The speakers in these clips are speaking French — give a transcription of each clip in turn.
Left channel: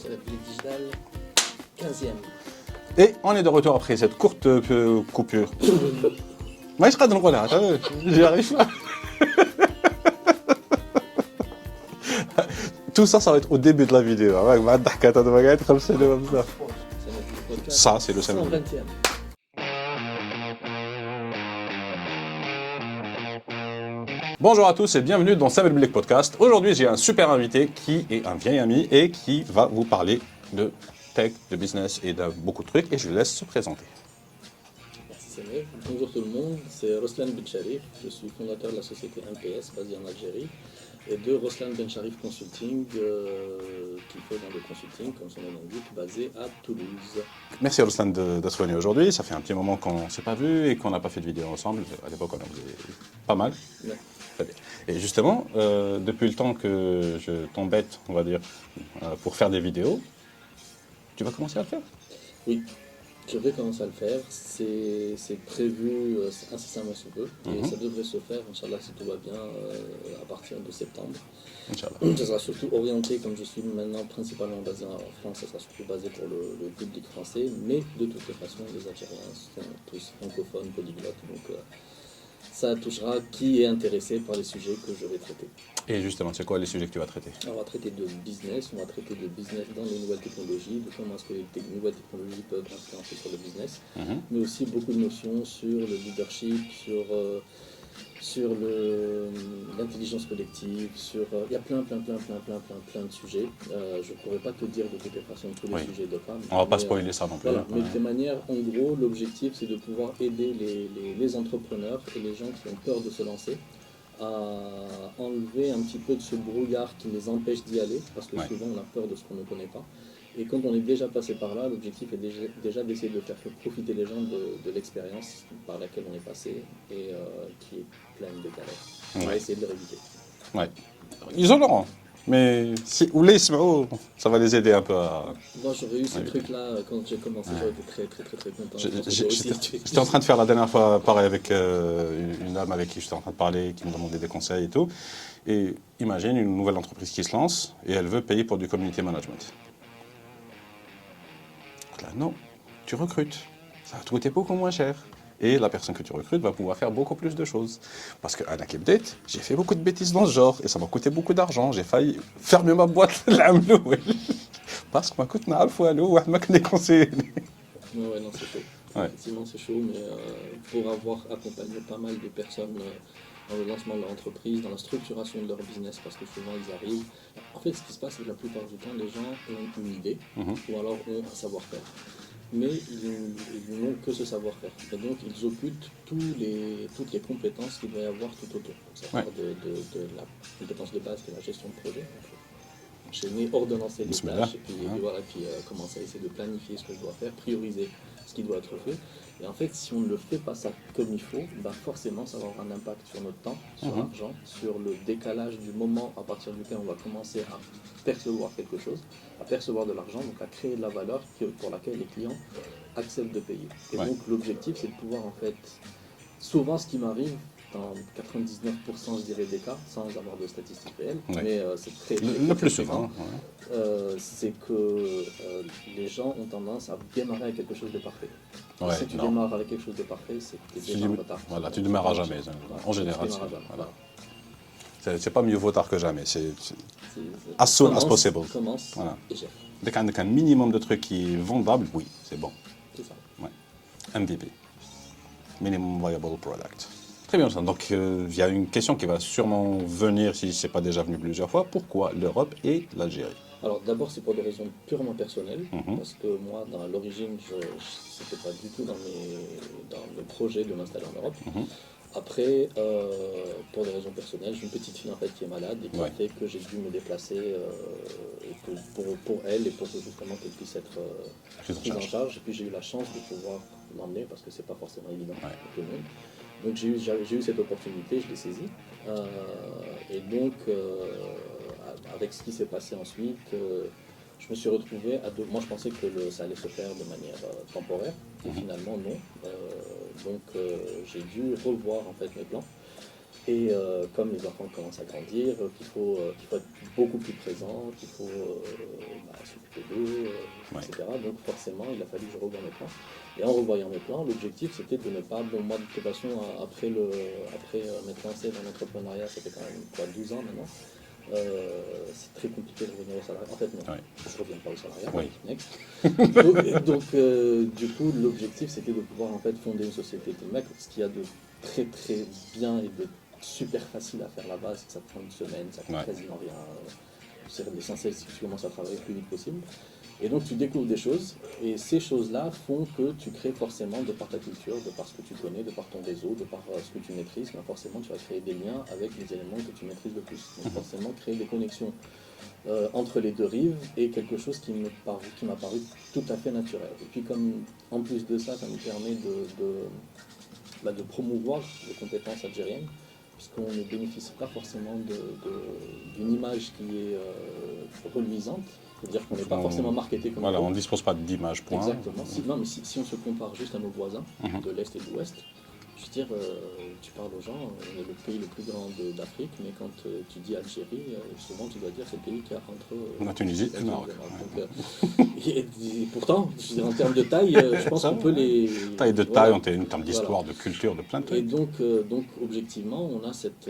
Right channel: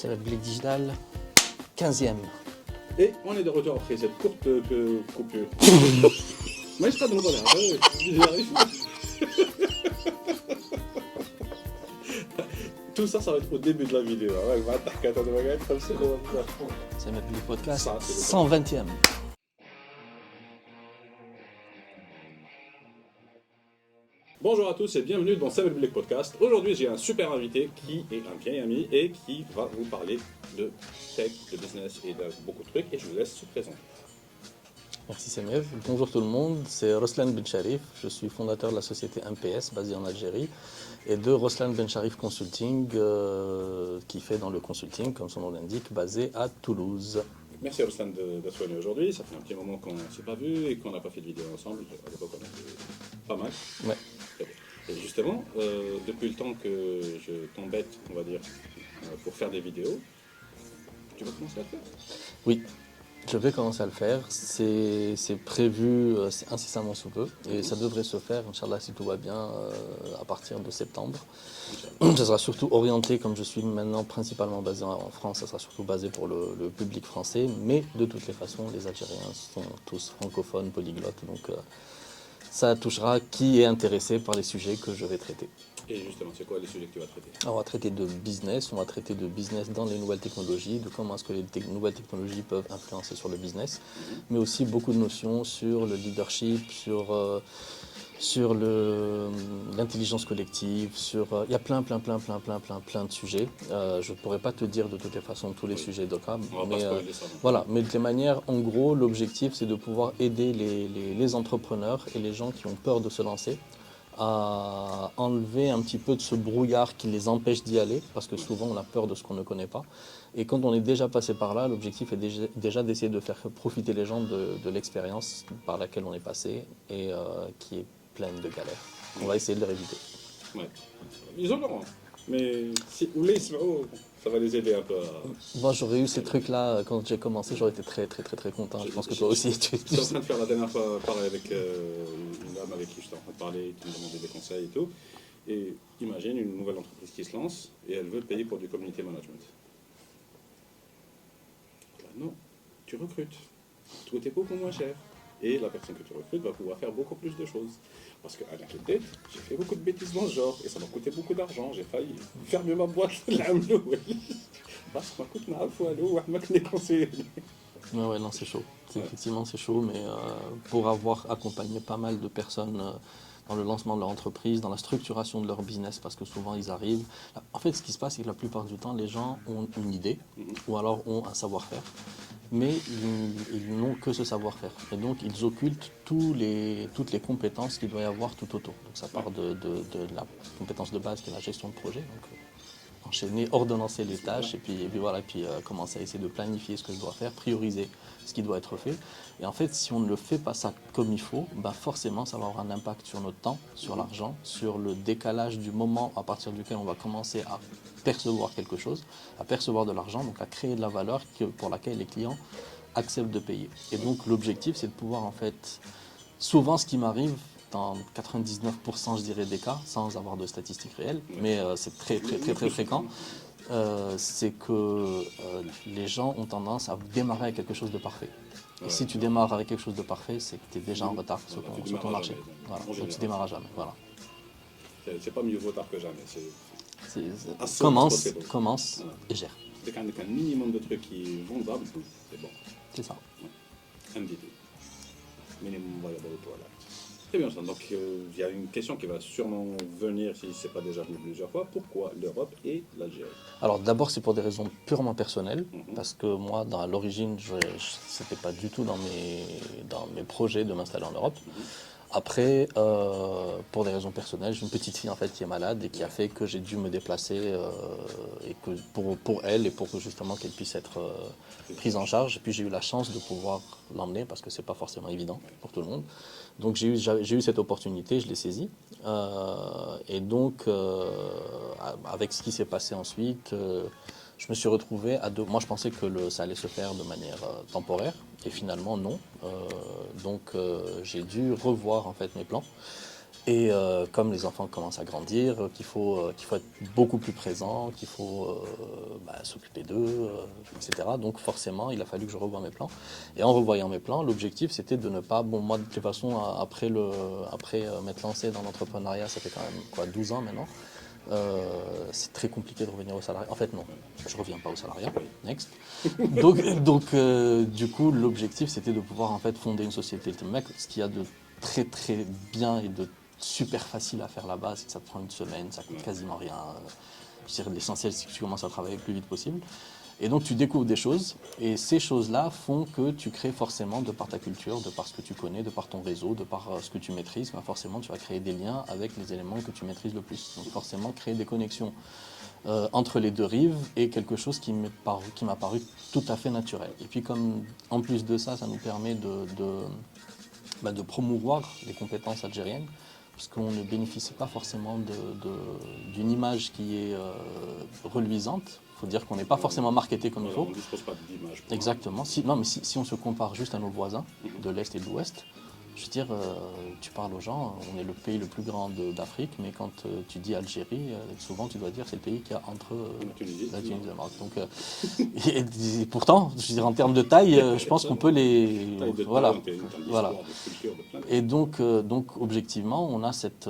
C'est la République digitale, 15e. Et on est de retour après cette courte coupure. Moi, je serai dans le renard, j'y arrive pas. Tout ça, ça va être au début de la vidéo. C'est la République podcast, Ça, c'est le 120e. Bonjour à tous et bienvenue dans Samuel Blake Podcast. Aujourd'hui, j'ai un super invité qui est un vieil ami et qui va vous parler de tech, de business et de beaucoup de trucs. Et je vous laisse se présenter. Merci Samuel. Bonjour tout le monde, c'est Roslan Bencharif. Je suis fondateur de la société MPS basée en Algérie et de Roslan Bencharif Consulting qui fait dans le consulting, comme son nom l'indique, basé à Toulouse. Merci à Ruslan d'être venu aujourd'hui. Ça fait un petit moment qu'on ne s'est pas vu et qu'on n'a pas fait de vidéo ensemble. À l'époque, on a fait pas mal. Ouais. Et justement, depuis le temps que je t'embête, on va dire, pour faire des vidéos, tu vas commencer à le faire. Oui, je vais commencer à le faire. C'est prévu incessamment sous peu et ça devrait se faire, Inch'Allah, si tout va bien, à partir de septembre. Inch'Allah. Ça sera surtout orienté, comme je suis maintenant principalement basé en France, ça sera surtout basé pour le public français, mais de toutes les façons, les Algériens sont tous francophones, polyglottes, donc ça touchera qui est intéressé par les sujets que je vais traiter. Et justement, c'est quoi les sujets que tu vas traiter? On va traiter de business, dans les nouvelles technologies, de comment est-ce que les nouvelles technologies peuvent influencer sur le business, mais aussi beaucoup de notions sur le leadership, sur l'intelligence collective, il y a plein de sujets. Je ne pourrais pas te dire de toutes les façons tous les sujets de cas. On ne va pas spoiler ça non plus. Voilà, mais de manière, en gros, l'objectif c'est de pouvoir aider les entrepreneurs et les gens qui ont peur de se lancer à enlever un petit peu de ce brouillard qui les empêche d'y aller, parce que souvent on a peur de ce qu'on ne connaît pas. Et quand on est déjà passé par là, l'objectif est déjà d'essayer de faire profiter les gens de l'expérience par laquelle on est passé et qui est pleine de galères. On va essayer de leur éviter. Ouais. Ils en auront. Mais si ou les ça va les aider un peu à... Moi j'aurais eu ces trucs-là quand j'ai commencé, j'aurais été très content. Je pense que toi aussi. J'étais en train de faire la dernière fois pareil avec une dame avec qui j'étais en train de parler, qui me demandait des conseils et tout. Et imagine une nouvelle entreprise qui se lance et elle veut payer pour du community management. Là, non, tu recrutes. Ça va te coûter beaucoup moins cher. Et la personne que tu recrutes va pouvoir faire beaucoup plus de choses. Parce qu'à la Kebdate, j'ai fait beaucoup de bêtises dans ce genre et ça m'a coûté beaucoup d'argent. J'ai failli fermer ma boîte parce qu'on m'a coûté un fois m'a conseillé. Ouais, non, c'est chaud. Ouais. Effectivement, c'est chaud, mais pour avoir accompagné pas mal de personnes dans le lancement de leur entreprise, dans la structuration de leur business, parce que souvent ils arrivent. En fait, ce qui se passe, c'est que la plupart du temps, les gens ont une idée ou alors ont un savoir-faire, mais ils n'ont que ce savoir-faire. Et donc, ils occultent toutes les compétences qu'il doit y avoir tout autour. Donc, ça part de la compétence de base qui est la gestion de projet. Donc, enchaîner, ordonnancer les tâches et puis commencer à essayer de planifier ce que je dois faire, prioriser ce qui doit être fait. Et en fait, si on ne le fait pas ça comme il faut, forcément ça va avoir un impact sur notre temps, sur l'argent, sur le décalage du moment à partir duquel on va commencer à percevoir quelque chose, à percevoir de l'argent, donc à créer de la valeur pour laquelle les clients acceptent de payer. Et donc l'objectif c'est de pouvoir en fait, souvent ce qui m'arrive, dans 99% je dirais des cas, sans avoir de statistiques réelles, mais c'est très fréquent, c'est que les gens ont tendance à démarrer avec quelque chose de parfait. Ouais, si tu démarres avec quelque chose de parfait, c'est que tu es déjà en retard. Voilà, tu ne démarres jamais, en général. Tu démarres jamais, voilà. C'est pas mieux vaut tard que jamais, c'est as soon as possible. Commence et gère. Dès qu'il y a un minimum de trucs qui est vendable, oui, c'est bon. C'est ça. Ouais. MVP, Minimum Viable Product. Très bien, donc il y a une question qui va sûrement venir, si ce n'est pas déjà venu plusieurs fois. Pourquoi l'Europe et l'Algérie? Alors d'abord, c'est pour des raisons purement personnelles, parce que moi, à l'origine, ce n'était pas du tout dans mes projets de m'installer en Europe. Après, pour des raisons personnelles, j'ai une petite fille en fait qui est malade et qui a fait que j'ai dû me déplacer et que pour elle et pour que justement qu'elle puisse être prise en charge. Et puis j'ai eu la chance de pouvoir l'emmener parce que c'est pas forcément évident pour tout le monde. Donc j'ai eu cette opportunité, je l'ai saisie. Et donc avec ce qui s'est passé ensuite, je me suis retrouvé à deux. Moi je pensais que ça allait se faire de manière temporaire et finalement non. Donc j'ai dû revoir en fait mes plans. Et comme les enfants commencent à grandir, qu'il faut être beaucoup plus présent, qu'il faut s'occuper d'eux, etc. Donc forcément, il a fallu que je revoie mes plans. Et en revoyant mes plans, l'objectif c'était de ne pas, bon moi de toute façon, après m'être lancé dans l'entrepreneuriat, ça fait quand même quoi, 12 ans maintenant, c'est très compliqué de revenir au salariat. En fait non, je ne reviens pas au salariat, next. Du coup, l'objectif c'était de pouvoir en fait fonder une société de mecs, ce qu'il y a de très très bien et de super facile à faire là-bas, c'est que ça te prend une semaine, ça coûte quasiment rien. L'essentiel, c'est que tu commences à travailler le plus vite possible. Et donc tu découvres des choses, et ces choses-là font que tu crées forcément, de par ta culture, de par ce que tu connais, de par ton réseau, de par ce que tu maîtrises, ben forcément tu vas créer des liens avec les éléments que tu maîtrises le plus. Donc forcément créer des connexions entre les deux rives est quelque chose qui m'a paru tout à fait naturel. Et puis comme en plus de ça, ça nous permet de promouvoir les compétences algériennes, puisqu'on ne bénéficie pas forcément d'une image qui est reluisante. Il faut dire qu'on n'est pas forcément marketé comme voilà, il faut. on ne dispose pas d'image. Exactement. Si on se compare juste à nos voisins de l'Est et de l'Ouest, je veux dire, tu parles aux gens, on est le pays le plus grand d'Afrique, mais quand tu dis Algérie, souvent tu dois dire c'est le pays qui a entre la Tunisie. Et pourtant, je veux dire, en termes de taille, je pense qu'on peut les... Taille de taille, en termes d'histoire, de culture, de plein de trucs. Et donc objectivement, on a cette...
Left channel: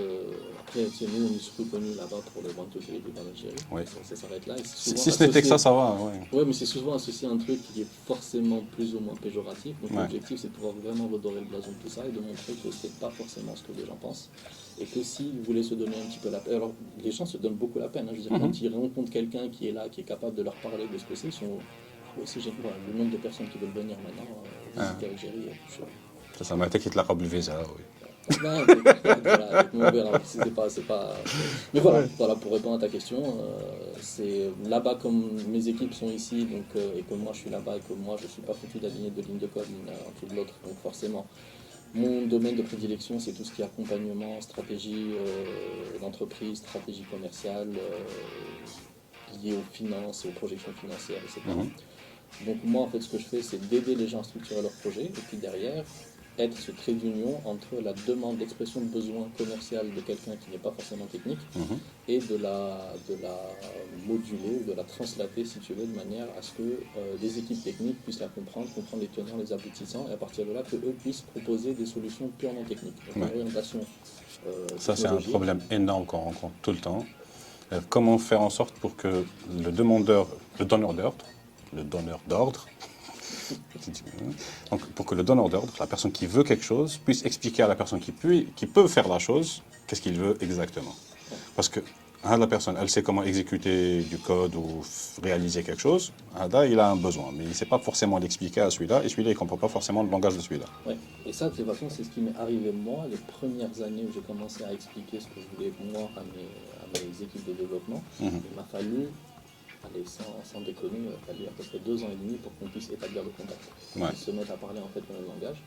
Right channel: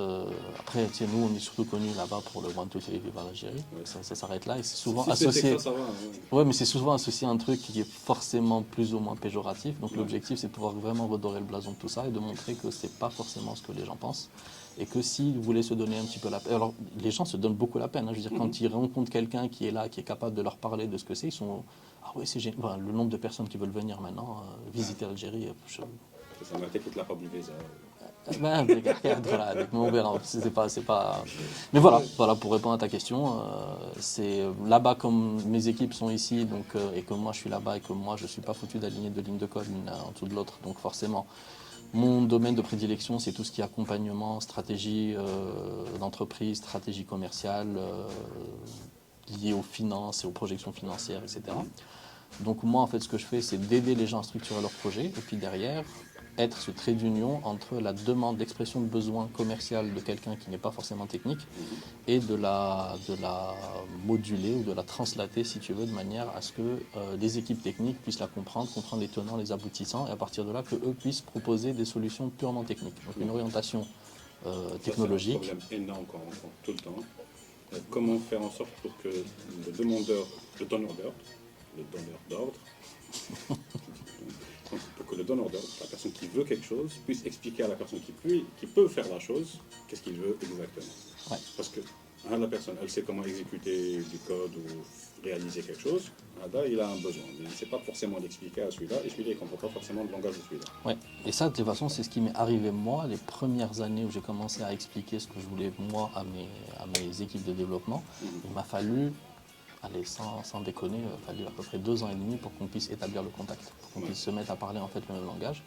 après, tu sais, nous, on est surtout connus là-bas pour le One Two Three de l'Algérie. Ça s'arrête là. Et souvent si c'était que ça va. Ouais, mais c'est souvent associé à un truc qui est forcément plus ou moins péjoratif. Donc l'objectif, c'est de pouvoir vraiment redorer le blason de tout ça et de montrer que c'est pas forcément ce que les gens pensent. Et que s'ils voulaient se donner un petit peu la peine... Alors, les gens se donnent beaucoup la peine. Hein. Je veux dire, quand ils rencontrent quelqu'un qui est là, qui est capable de leur parler de ce que c'est, ils sont... Ah oui, c'est génial. Voilà, le nombre de personnes qui veulent venir maintenant visiter l'Algérie. Ça m'a été qui te l'a rappelé visa, oui. C'est pas... Mais voilà, pour répondre à ta question, c'est là-bas comme mes équipes sont ici, donc, et que moi je suis là-bas et que moi je ne suis pas foutu d'aligner deux lignes de code l'une en dessous de l'autre, donc forcément. Mon domaine de prédilection, c'est tout ce qui est accompagnement, stratégie d'entreprise, stratégie commerciale, liée aux finances et aux projections financières, etc. Donc moi, en fait, ce que je fais, c'est d'aider les gens à structurer leurs projets, et puis derrière, être ce trait d'union entre la demande d'expression de besoin commercial de quelqu'un qui n'est pas forcément technique et de la moduler ou de la translater, si tu veux, de manière à ce que les équipes techniques puissent la comprendre les tenants, les aboutissants, et à partir de là, qu'eux puissent proposer des solutions purement techniques. Donc une orientation technologique. Ça, c'est un problème énorme qu'on rencontre tout le temps. Comment faire en sorte pour que le donneur d'ordre, donc, pour que le donneur d'ordre, la personne qui veut quelque chose, puisse expliquer à la personne qui peut faire la chose, qu'est-ce qu'il veut exactement. Parce que la personne, elle sait comment exécuter du code ou réaliser quelque chose, il a un besoin, mais il ne sait pas forcément l'expliquer à celui-là, et celui-là, il ne comprend pas forcément le langage de celui-là. Ouais. Et ça, de toute façon, c'est ce qui m'est arrivé moi, les premières années où j'ai commencé à expliquer ce que je voulais moi à mes équipes de développement. Il m'a fallu... Allez, sans déconner, il a fallu à peu près 2 ans et demi pour qu'on puisse établir le contact, pour qu'on puisse se mettre à parler en fait le même langage.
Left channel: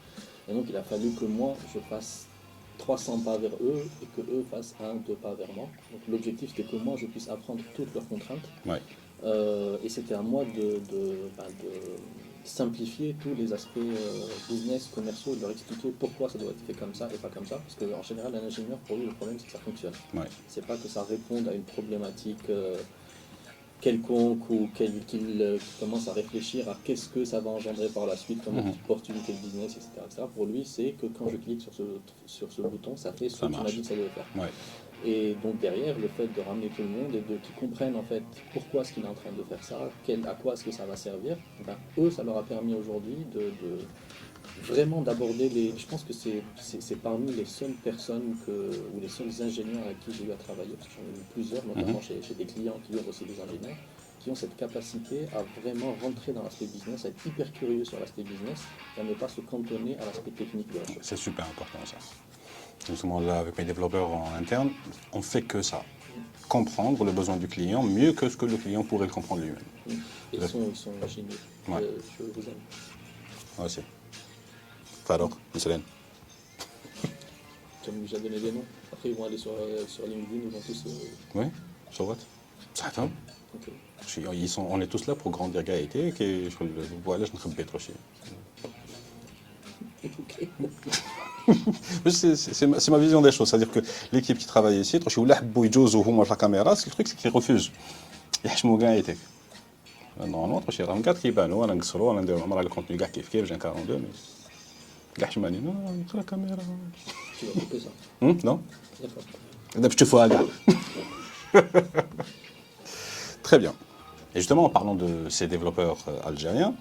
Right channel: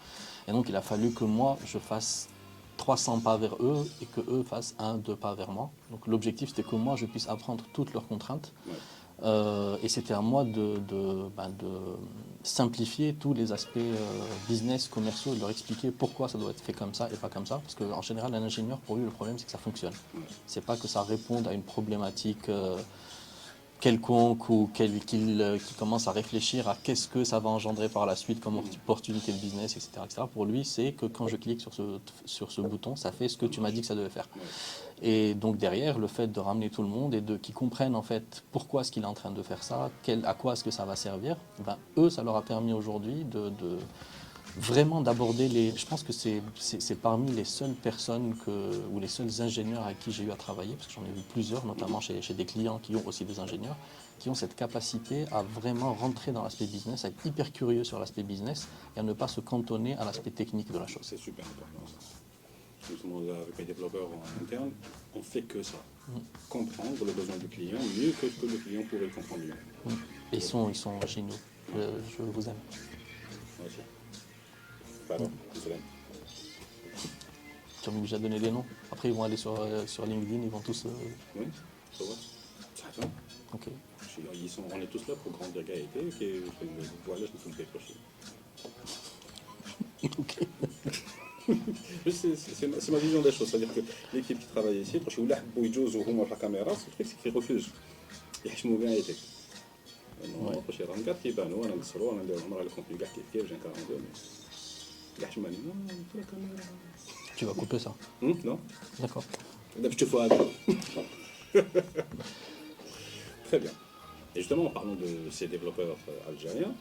Et donc il a fallu que moi je fasse 300 pas vers eux et que eux fassent 1-2 pas vers moi. Donc l'objectif c'était que moi je puisse apprendre toutes leurs contraintes. Et c'était à moi de simplifier tous les aspects business, commerciaux, et de leur expliquer pourquoi ça doit être fait comme ça et pas comme ça. Parce qu'en général, un ingénieur, pour lui, le problème c'est que ça fonctionne. C'est pas que ça réponde à une problématique quelconque ou qu'il commence à réfléchir à qu'est-ce que ça va engendrer par la suite comme opportunité de business, etc., etc. Pour lui, c'est que quand je clique sur ce bouton, ça fait ce que tu m'as dit que ça devait faire. Et donc derrière, le fait de ramener tout le monde et qu'ils comprennent en fait pourquoi est-ce qu'il est en train de faire ça, à quoi est-ce que ça va servir, ben, eux, ça leur a permis aujourd'hui vraiment d'aborder je pense que c'est parmi les seules personnes ou les seuls ingénieurs avec qui j'ai eu à travailler, parce que j'en ai eu plusieurs, notamment chez des clients qui ont aussi des ingénieurs, qui ont cette capacité à vraiment rentrer dans l'aspect business, à être hyper curieux sur l'aspect business et à ne pas se cantonner à l'aspect technique de la chose. C'est super important ça. Justement là, avec mes développeurs en interne, on ne fait que ça. Comprendre le besoin du client mieux que ce que le client pourrait le comprendre lui-même. Ils sont géniaux. Je vous aime. Moi aussi. Alors, Michel. Tu as obligé de donner des noms. Après, ils vont aller sur LinkedIn, ils vont tous... Oui, sur what? Ça attend. Ok. On est tous là pour grandir Gaëté, et voilà, je ne sais pas trop. Ok. C'est ma vision des choses, c'est-à-dire que l'équipe qui travaille ici, c'est le truc, c'est qu'ils refusent. Normalement, tu as 4 qui banent, on a le contenu gars qui fait, j'ai 42, mais. Gars, je m'en dis, non, c'est la caméra. Tu vas couper ça. Non? D'accord. Je te fais un gars. Très bien. Et justement, en parlant de ces développeurs algériens,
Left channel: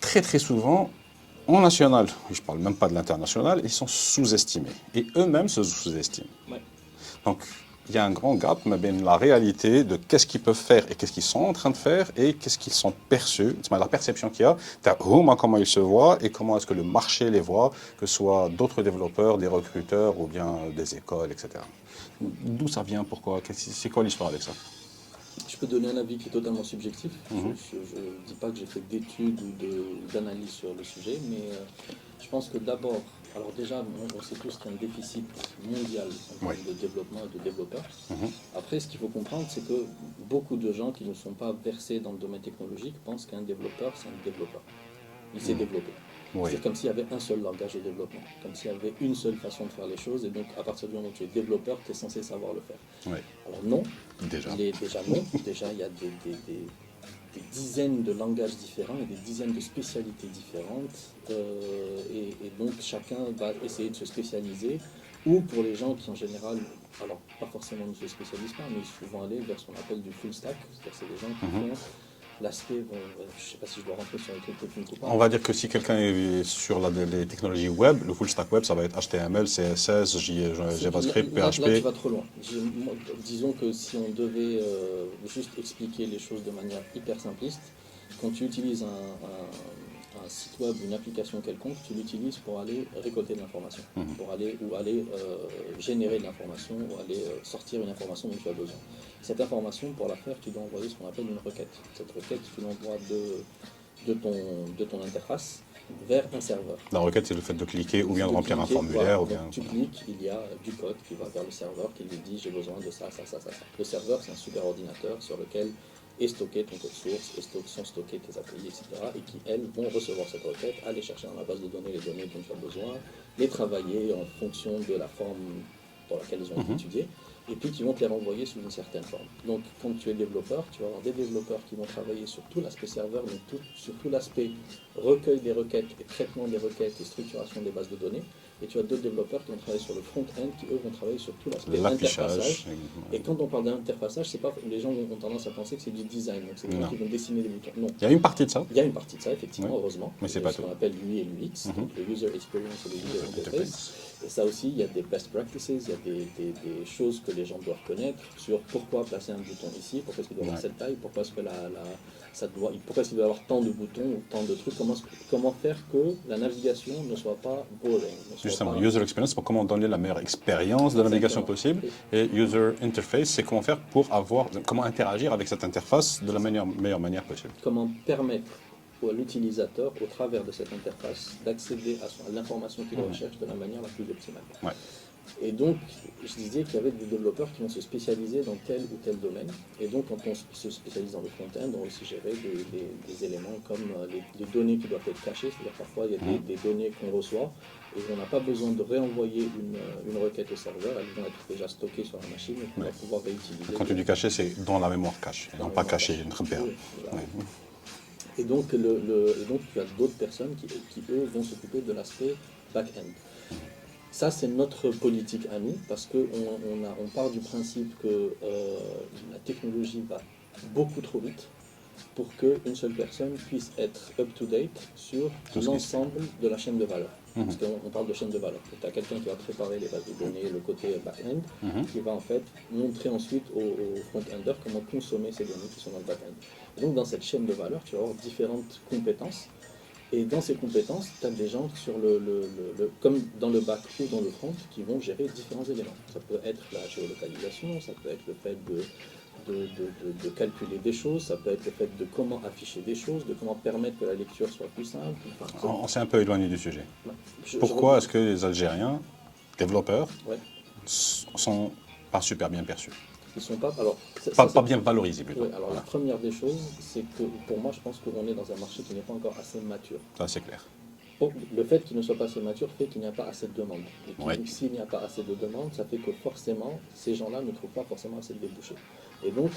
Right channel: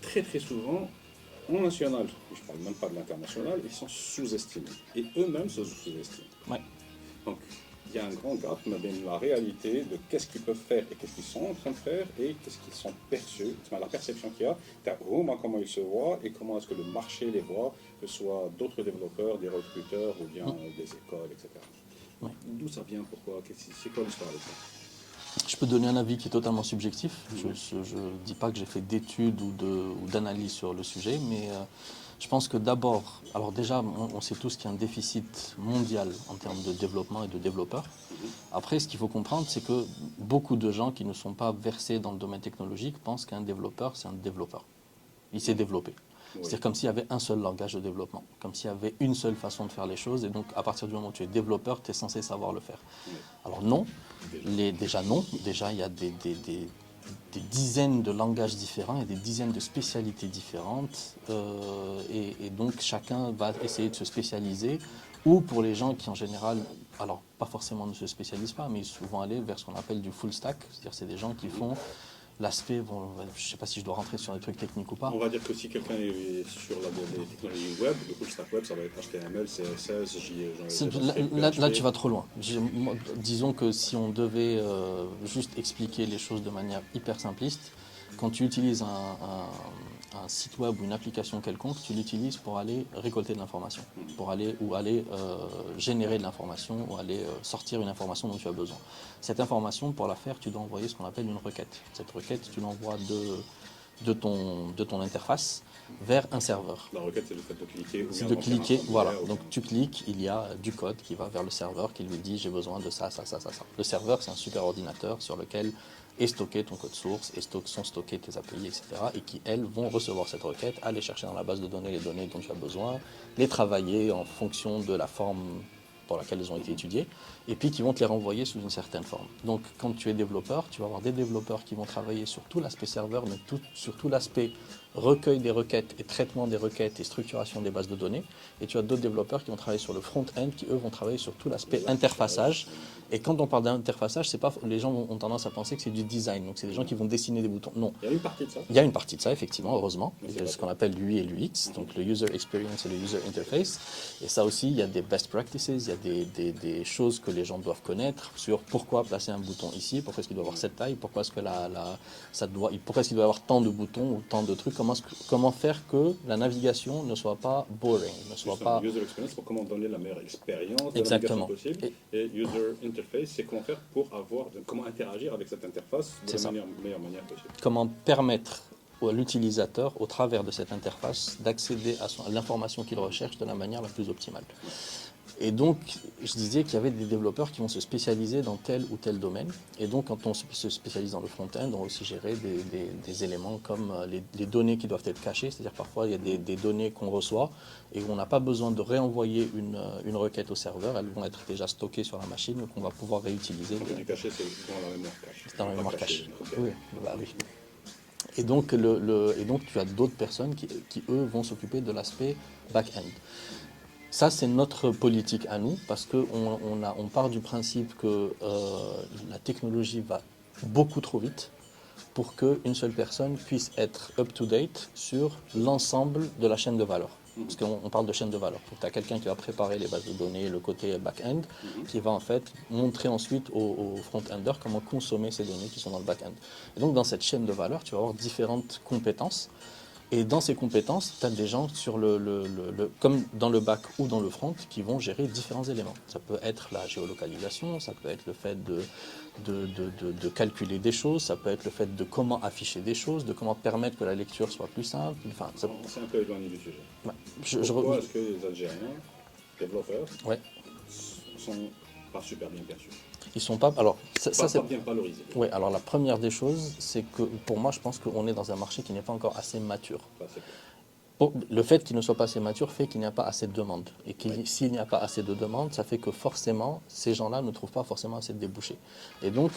très très souvent, en national, je ne parle même pas de l'international, ils sont sous-estimés. Et eux-mêmes se sous-estiment. Ouais. Donc, il y a un grand gap mais la réalité de qu'est-ce qu'ils peuvent faire et qu'est-ce qu'ils sont en train de faire et qu'est-ce qu'ils sont perçus, la perception qu'il y a, comment ils se voient et comment est-ce que le marché les voit, que ce soit d'autres développeurs, des recruteurs ou bien des écoles, etc. D'où ça vient, pourquoi, c'est quoi l'histoire avec ça? Je peux donner un avis qui est totalement subjectif. Je ne dis pas que j'ai fait d'études ou d'analyses sur le sujet, mais je pense que d'abord, alors déjà, on sait tous qu'il y a un déficit mondial en termes de développement et de développeurs. Après, ce qu'il faut comprendre, c'est que beaucoup de gens qui ne sont pas versés dans le domaine technologique pensent qu'un développeur, c'est un développeur. Il s'est développé. Oui. C'est comme s'il y avait un seul langage de développement, comme s'il y avait une seule façon de faire les choses, et donc à partir du moment où tu es développeur, tu es censé savoir le faire. Oui. Alors non, Déjà. déjà non, déjà il y a des dizaines de langages différents et des dizaines de spécialités différentes, et donc chacun va essayer de se spécialiser, ou pour les gens qui en général, alors pas forcément ne se spécialisent pas, mais ils vont aller vers ce qu'on appelle du full stack, c'est-à-dire c'est des gens qui font l'aspect, bon, je ne sais pas si je dois rentrer sur les trucs techniques ou pas. On va dire que si quelqu'un est sur les technologies web, le full stack web, ça va être HTML, CSS, JavaScript, PHP. Là, tu vas trop loin. Disons que si on devait juste expliquer les choses de manière hyper simpliste, quand tu utilises un site web ou une application quelconque, tu l'utilises pour aller récolter de l'information, pour aller générer de l'information, ou aller sortir une information dont tu as besoin. Cette information, pour la faire, tu dois envoyer ce qu'on appelle une requête. Cette requête, tu l'envoies de ton interface vers un serveur. La requête, c'est le fait de cliquer ou bien de de remplir cliquer, un formulaire. voilà. Ou bien... Donc tu cliques, il y a du code qui va vers le serveur qui lui dit j'ai besoin de ça, ça, ça, ça, ça. Le serveur, c'est un super ordinateur sur lequel est stocké ton code source, sont stockés tes API, etc. et qui, elles, vont recevoir cette requête, aller chercher dans la base de données les données dont tu as besoin, les travailler en fonction de la forme pour laquelle ils ont été étudiés, et puis qui vont te les renvoyer sous une certaine forme. Donc quand tu es développeur, tu vas avoir des développeurs qui vont travailler sur tout l'aspect serveur, mais sur tout l'aspect recueil des requêtes et traitement des requêtes et structuration des bases de données. Et tu as d'autres développeurs qui vont travailler sur le front-end, qui eux vont travailler sur tout l'aspect interfaçage. Et quand on parle d'interfaçage, c'est pas, les gens ont tendance à penser que c'est du design, donc c'est des gens qui vont dessiner des boutons. Non. Il y a une partie de ça. Il y a une partie de ça, effectivement, heureusement. Mais c'est ce qu'on appelle l'UI et l'UX, donc le User Experience et le User Interface. Et ça aussi, il y a des best practices, il y a des choses que les gens doivent connaître sur pourquoi placer un bouton ici, pourquoi est-ce qu'il doit avoir cette taille, pourquoi est-ce que pourquoi est-ce qu'il doit avoir tant de boutons ou tant de trucs, comment faire que la navigation ne soit pas boring. Justement, User Experience, pour comment donner la meilleure expérience de navigation possible. Et User Interface, c'est comment faire pour comment interagir avec cette interface de la meilleure manière possible. Comment permettre à l'utilisateur, au travers de cette interface, d'accéder à l'information qu'il recherche de la manière la plus optimale. Ouais. Et donc, je disais qu'il y avait des développeurs qui vont se spécialiser dans tel ou tel domaine. Et donc, quand on se spécialise dans le front-end, on va aussi gérer des éléments comme les données qui doivent être cachées. C'est-à-dire parfois, il y a des données qu'on reçoit et on n'a pas besoin de réenvoyer une requête au serveur. Elles vont être déjà stockées sur la machine et qu'on va pouvoir réutiliser. Quand tu dis caché, c'est dans la mémoire cache, pas caché. Oui, voilà. Et donc, tu as d'autres personnes qui eux, vont s'occuper de l'aspect back-end. Ça, c'est notre politique à nous, parce qu'on part du principe que la technologie va beaucoup trop vite pour qu'une seule personne puisse être up-to-date sur l'ensemble de la chaîne de valeur. Parce qu'on parle de chaîne de valeur. Tu as quelqu'un qui va préparer les bases de données, le côté back-end, qui va en fait montrer ensuite au front-ender comment consommer ces données qui sont dans le back-end. Et donc dans cette chaîne de valeur, tu vas avoir différentes compétences. Et dans ces compétences, tu as des gens comme dans le back ou dans le front qui vont gérer différents éléments. Ça peut être la géolocalisation, ça peut être le fait de calculer des choses, ça peut être le fait de comment afficher des choses, de comment permettre que la lecture soit plus simple. Enfin, on s'est un peu éloigné du sujet. Ouais. Pourquoi est-ce que les Algériens, développeurs, ouais. sont pas super bien perçus? Ils sont pas. Alors, pas bien valorisés. Oui, alors la première des choses, c'est que pour moi, je pense qu'on est dans un marché qui n'est pas encore assez mature. Ça, c'est clair. Bon, le fait qu'il ne soit pas assez mature fait qu'il n'y a pas assez de demandes. Et s'il n'y a pas assez de demandes, ça fait que forcément, ces gens-là ne trouvent pas forcément assez de débouchés. Et donc,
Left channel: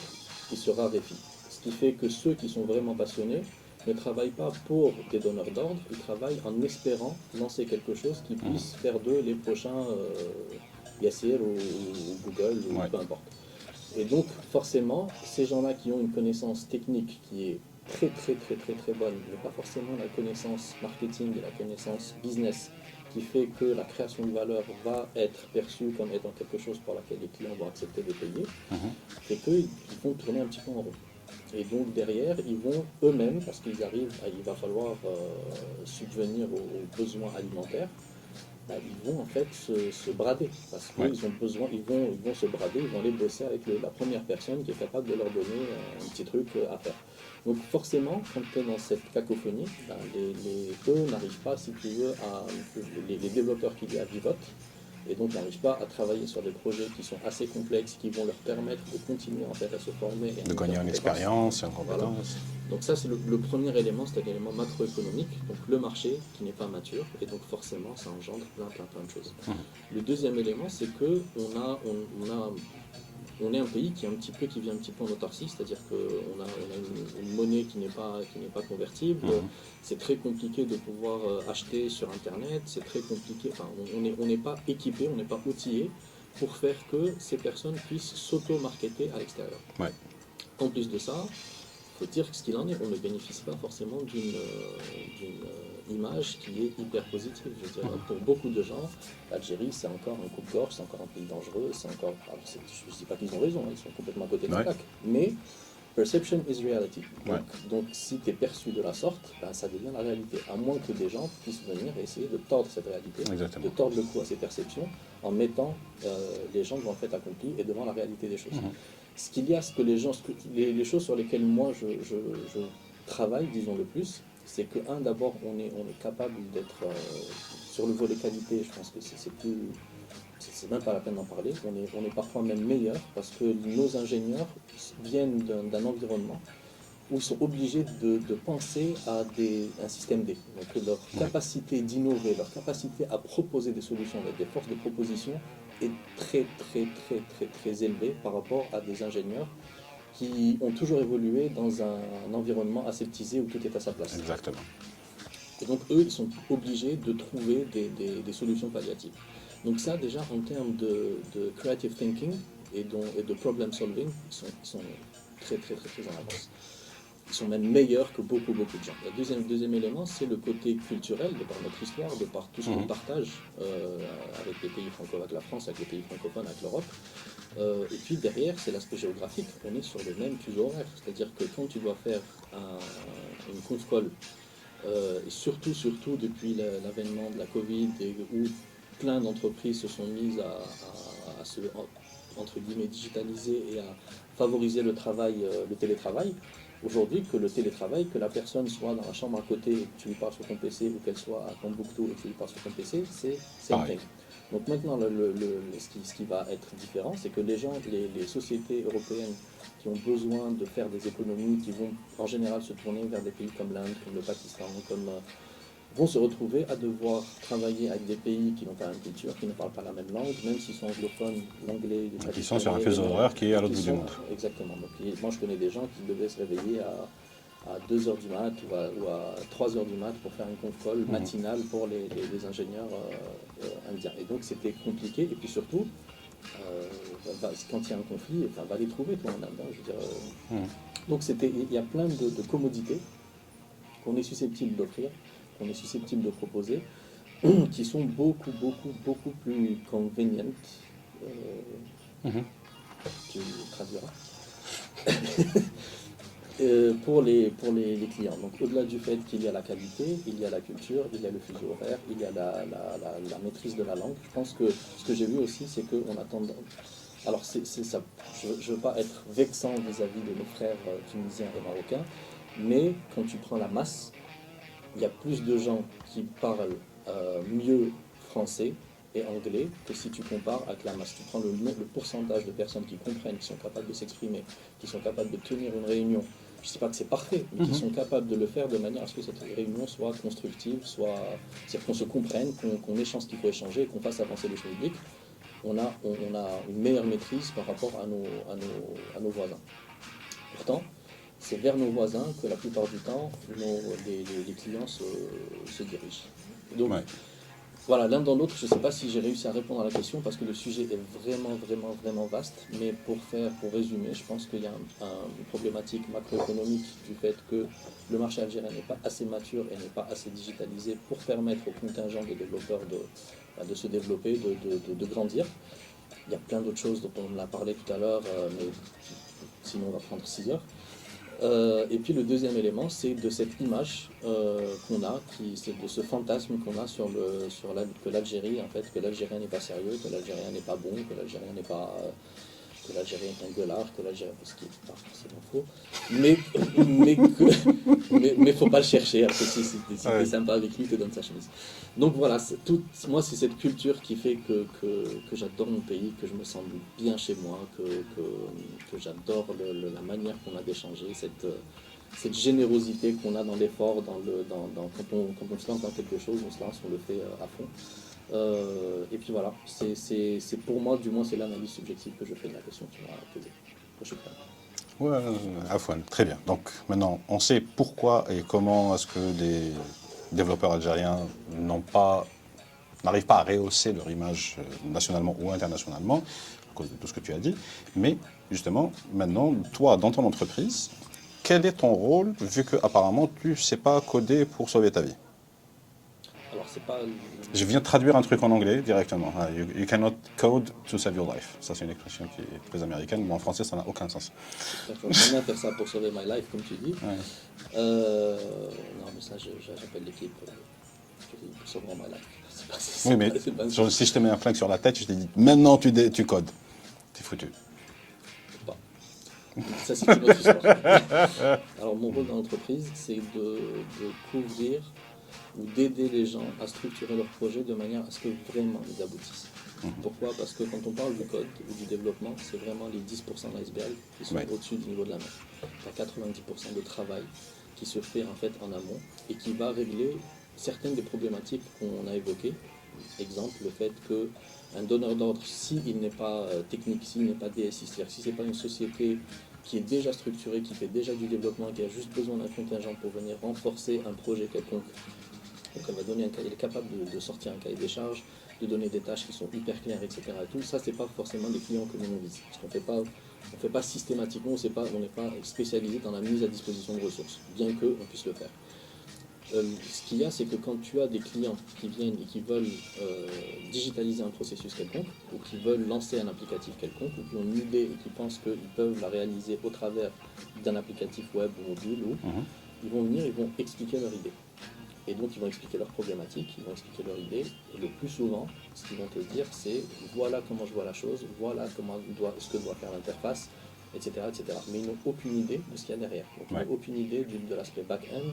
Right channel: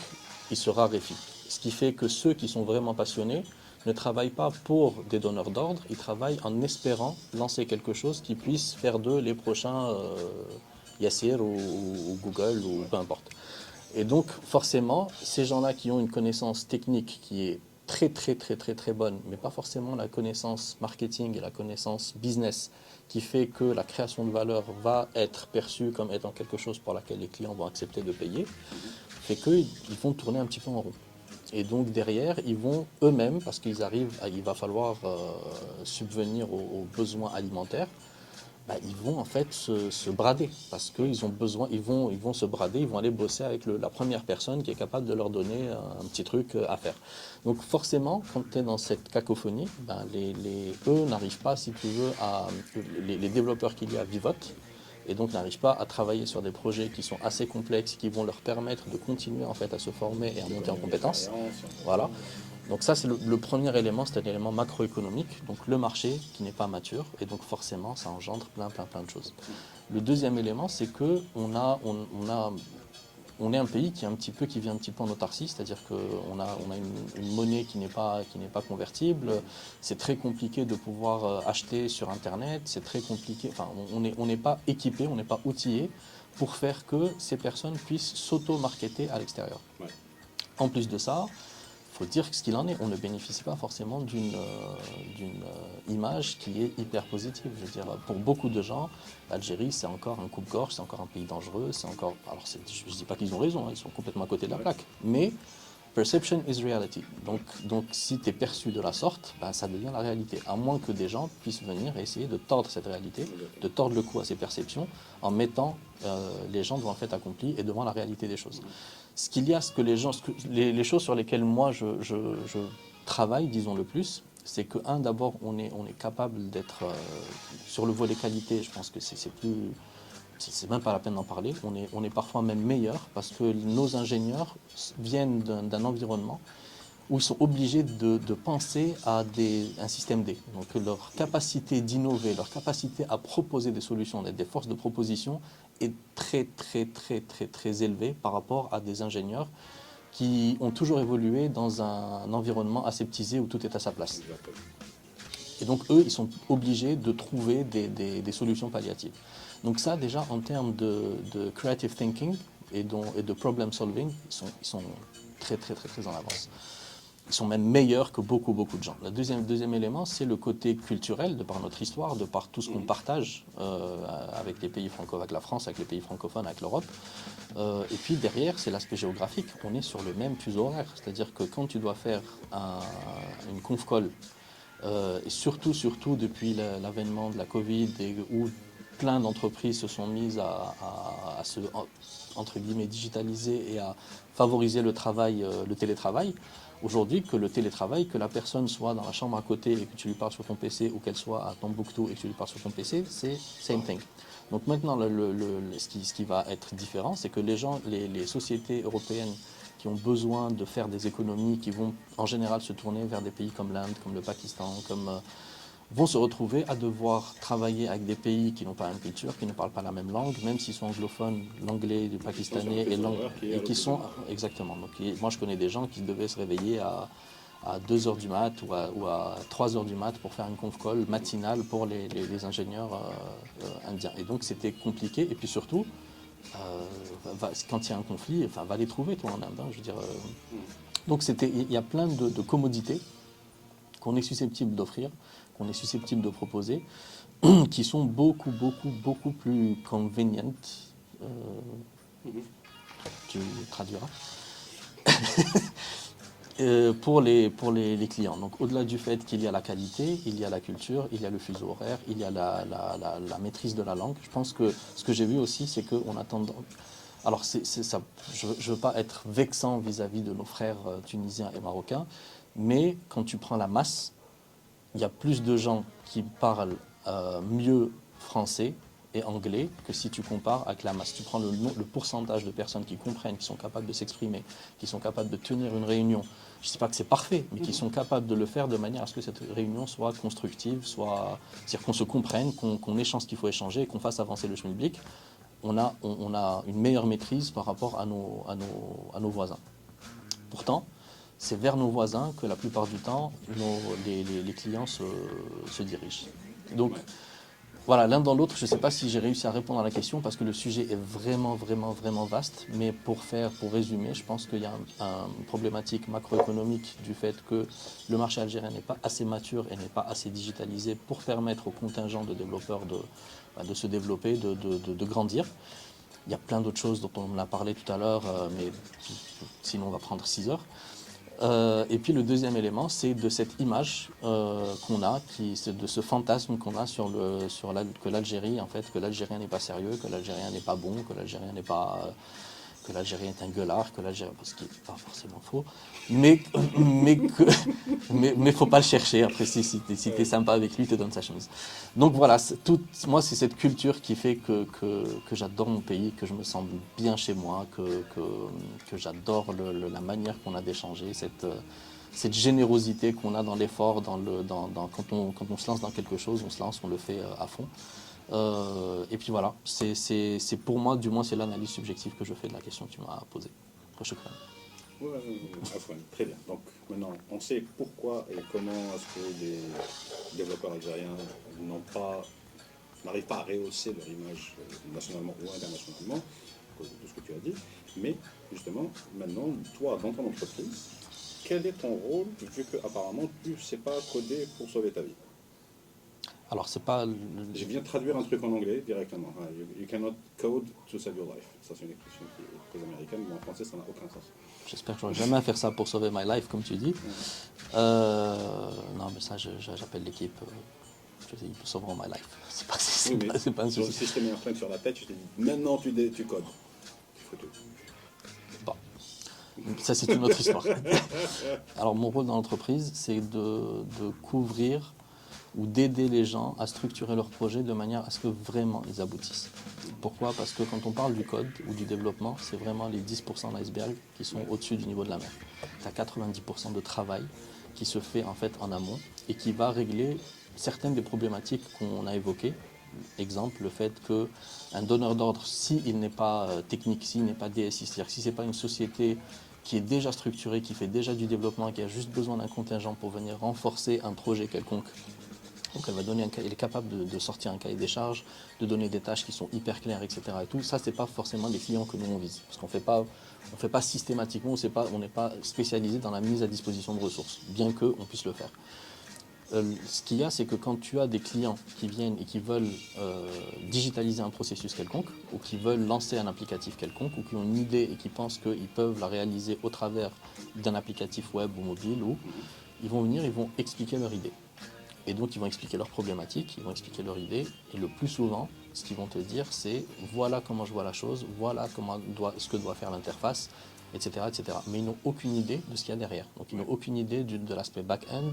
ils se raréfient. Ce qui fait que ceux qui sont vraiment passionnés ne travaillent pas pour des donneurs d'ordre, ils travaillent en espérant lancer quelque chose qui puisse faire d'eux les prochains Yassir ou Google ou Ouais. peu importe. Et donc forcément, ces gens-là qui ont une connaissance technique qui est très très très très très bonne, mais pas forcément la connaissance marketing et la connaissance business qui fait que la création de valeur va être perçue comme étant quelque chose pour laquelle les clients vont accepter de payer, fait qu'ils vont tourner un petit peu en rond. Et donc derrière, ils vont eux-mêmes, parce qu'ils arrivent, il va falloir subvenir aux besoins alimentaires, ils vont en fait se brader parce qu'ils ont besoin, ils vont se brader, ils vont aller bosser avec la première personne qui est capable de leur donner un petit truc à faire. Donc forcément, quand tu es dans cette cacophonie, eux n'arrivent pas, si tu veux, les développeurs qu'il y a vivotent et donc n'arrivent pas à travailler sur des projets qui sont assez complexes, qui vont leur permettre de continuer en fait à se former et à De monter en gagner en compétences. expérience, en Voilà. compétence. Donc ça, c'est le premier élément, c'est un élément macroéconomique, donc le marché qui n'est pas mature, et donc forcément, ça engendre plein de choses. Le deuxième élément, c'est que on est un pays qui vit un petit peu en autarcie, c'est-à-dire qu'on a une monnaie qui n'est pas convertible, c'est très compliqué de pouvoir acheter sur Internet, c'est très compliqué, enfin, on n'est pas équipé, on n'est pas outillé pour faire que ces personnes puissent s'auto-marketer à l'extérieur. Ouais. En plus de ça, il faut dire ce qu'il en est, on ne bénéficie pas forcément d'une image qui est hyper positive. Je veux dire, pour beaucoup de gens, l'Algérie, c'est encore un coupe-gorge, c'est encore un pays dangereux, c'est encore... Alors, je ne dis pas qu'ils ont raison, hein, ils sont complètement à côté de la plaque, mais perception is reality. Donc si tu es perçu de la sorte, ça devient la réalité, à moins que des gens puissent venir et essayer de tordre cette réalité, Exactement. de tordre le cou à ces perceptions, en mettant les gens devant le fait accompli et devant la réalité des choses. Ce qu'il y a, les choses sur lesquelles moi je travaille, disons le plus, c'est que, d'abord, on est capable d'être sur le volet qualité, je pense que c'est même pas la peine d'en parler, on est parfois même meilleur parce que nos ingénieurs viennent d'un environnement où ils sont obligés de penser à un système D. Donc leur capacité d'innover, leur capacité à proposer des solutions, d'être des forces de proposition est très élevée par rapport à des ingénieurs qui ont toujours évolué dans un environnement aseptisé où tout est à sa place. Exactement. Et donc eux, ils sont obligés de trouver des solutions palliatives. Donc ça, déjà, en termes de creative thinking et de problem solving, ils sont très en avance. Ils sont même meilleurs que beaucoup de gens. Le deuxième élément, c'est le côté culturel, de par notre histoire, de par tout ce qu'on partage avec les pays francophones, avec la France, avec les pays francophones, avec l'Europe. Et puis derrière, c'est l'aspect géographique. On est sur le même fuseau horaire. C'est-à-dire que quand tu dois faire une conf call, et surtout depuis l'avènement de la Covid, où plein d'entreprises se sont mises à se, entre guillemets, digitaliser et à favoriser le télétravail. Aujourd'hui, que le télétravail, que la personne soit dans la chambre à côté et que tu lui parles sur ton PC, ou qu'elle soit à Tombouctou et que tu lui parles sur ton PC, c'est same thing. Donc maintenant, ce qui va être différent, c'est que les sociétés européennes qui ont besoin de faire des économies, qui vont en général se tourner vers des pays comme l'Inde, comme le Pakistan, vont se retrouver à devoir travailler avec des pays qui n'ont pas la même culture, qui ne parlent pas la même langue, même s'ils sont anglophones, l'anglais, le pakistanais. Qui sont sur un fuseau horaire qui est à l'autre bout du monde. Exactement. Donc, moi, je connais des gens qui devaient se réveiller à 2h du mat ou à 3h du mat pour faire une conf call matinale pour les ingénieurs indiens. Et donc, c'était compliqué. Et puis surtout, quand il y a un conflit, va les trouver, toi, en Inde. Je veux dire, donc, il y a plein de commodités qu'on est susceptible d'offrir, qu'on est susceptible de proposer, qui sont beaucoup plus convenientes. Tu traduiras. Pour les clients. Donc au-delà du fait qu'il y a la qualité, il y a la culture, il y a le fuseau horaire, il y a la maîtrise de la langue. Je pense que ce que j'ai vu aussi, c'est qu'on attend... Alors ça, je ne veux pas être vexant vis-à-vis de nos frères tunisiens et marocains, mais quand tu prends la masse, il y a plus de gens qui parlent mieux français et anglais que si tu compares avec la masse. Tu prends le pourcentage de personnes qui comprennent, qui sont capables de s'exprimer, qui sont capables de tenir une réunion. Je ne dis pas que c'est parfait, mais qui sont capables de le faire de manière à ce que cette réunion soit constructive, c'est-à-dire qu'on se comprenne, qu'on échange ce qu'il faut échanger et qu'on fasse avancer le schmilblick. On a une meilleure maîtrise par rapport à nos voisins. Pourtant, c'est vers nos voisins que la plupart du temps, les clients se dirigent. Donc, Ouais. voilà, l'un dans l'autre, je ne sais pas si j'ai réussi à répondre à la question parce que le sujet est vraiment, vraiment, vraiment vaste. Mais pour résumer, je pense qu'il y a une problématique macroéconomique du fait que le marché algérien n'est pas assez mature et n'est pas assez digitalisé pour permettre au contingent de développeurs de se développer, de grandir. Il y a plein d'autres choses dont on a parlé tout à l'heure, mais sinon on va prendre 6 heures. Et puis le deuxième élément, c'est de cette image qu'on a, c'est de ce fantasme qu'on a que l'Algérie, en fait, que l'Algérien n'est pas sérieux, que l'Algérien n'est pas bon, que l'Algérien n'est pas, que l'Algérien est un gueulard, que l'Algérien, ce qui n'est pas forcément faux, mais faut pas le chercher. Après, si t'es sympa avec lui, il te donne sa chose. Donc voilà, moi c'est cette culture qui fait que j'adore mon pays, que je me sens bien chez moi, que j'adore la manière qu'on a d'échanger, cette générosité qu'on a dans l'effort, quand on se lance dans quelque chose, on le fait à fond. Et puis voilà, c'est pour moi, du moins, c'est l'analyse subjective que je fais de la question que tu m'as posée. Ouais, Afouane, très bien. Donc maintenant, on sait pourquoi et comment est-ce que des développeurs algériens n'arrivent pas à rehausser leur image nationalement ou internationalement, à cause de tout ce que tu as dit. Mais justement, maintenant, toi, dans ton entreprise, quel est ton rôle, vu qu'apparemment, tu ne sais pas coder pour sauver ta vie? Alors, c'est pas. Je viens de traduire un truc en anglais directement. You cannot code to save your life. Ça, c'est une expression qui est très américaine, mais en français, ça n'a aucun sens. J'espère que je vais jamais faire ça pour sauver my life, comme tu dis. Ouais. Non, mais ça, j'appelle l'équipe. Je dis, sauveront my life. Oui, mais si je te mets un flingue sur la tête, je te dis maintenant tu codes. T'es foutu. Bon, ça c'est une autre histoire. Alors mon rôle dans l'entreprise, c'est de couvrir ou d'aider les gens à structurer leurs projets de manière à ce que vraiment ils aboutissent. Pourquoi? Parce que quand on parle du code ou du développement, c'est vraiment les 10% d'iceberg qui sont au-dessus du niveau de la mer. Tu as 90% de travail qui se fait en fait en amont et qui va régler certaines des problématiques qu'on a évoquées. Exemple, le fait qu'un donneur d'ordre, s'il n'est pas technique, s'il n'est pas DSI, c'est-à-dire si ce n'est pas une société qui est déjà structurée, qui fait déjà du développement, qui a juste besoin d'un contingent pour venir renforcer un projet quelconque, donc elle est capable de sortir un cahier des charges, de donner des tâches qui sont hyper claires, etc. Et tout. Ça, ce n'est pas forcément les clients que nous on vise. Parce qu'on ne fait pas systématiquement, on n'est pas spécialisé dans la mise à disposition de ressources, bien qu'on puisse le faire. Ce qu'il y a, c'est que quand tu as des clients qui viennent et qui veulent digitaliser un processus quelconque, ou qui veulent lancer un applicatif quelconque, ou qui ont une idée et qui pensent qu'ils peuvent la réaliser au travers d'un applicatif web ou mobile, ils vont venir, ils vont expliquer leur idée. Et donc, ils vont expliquer leurs problématiques, ils vont expliquer leur idée. Et le plus souvent, ce qu'ils vont te dire, c'est voilà comment je vois la chose, voilà ce que doit faire l'interface, etc., etc. Mais ils n'ont aucune idée de ce qu'il y a derrière. Donc, ils n'ont aucune idée de l'aspect back-end,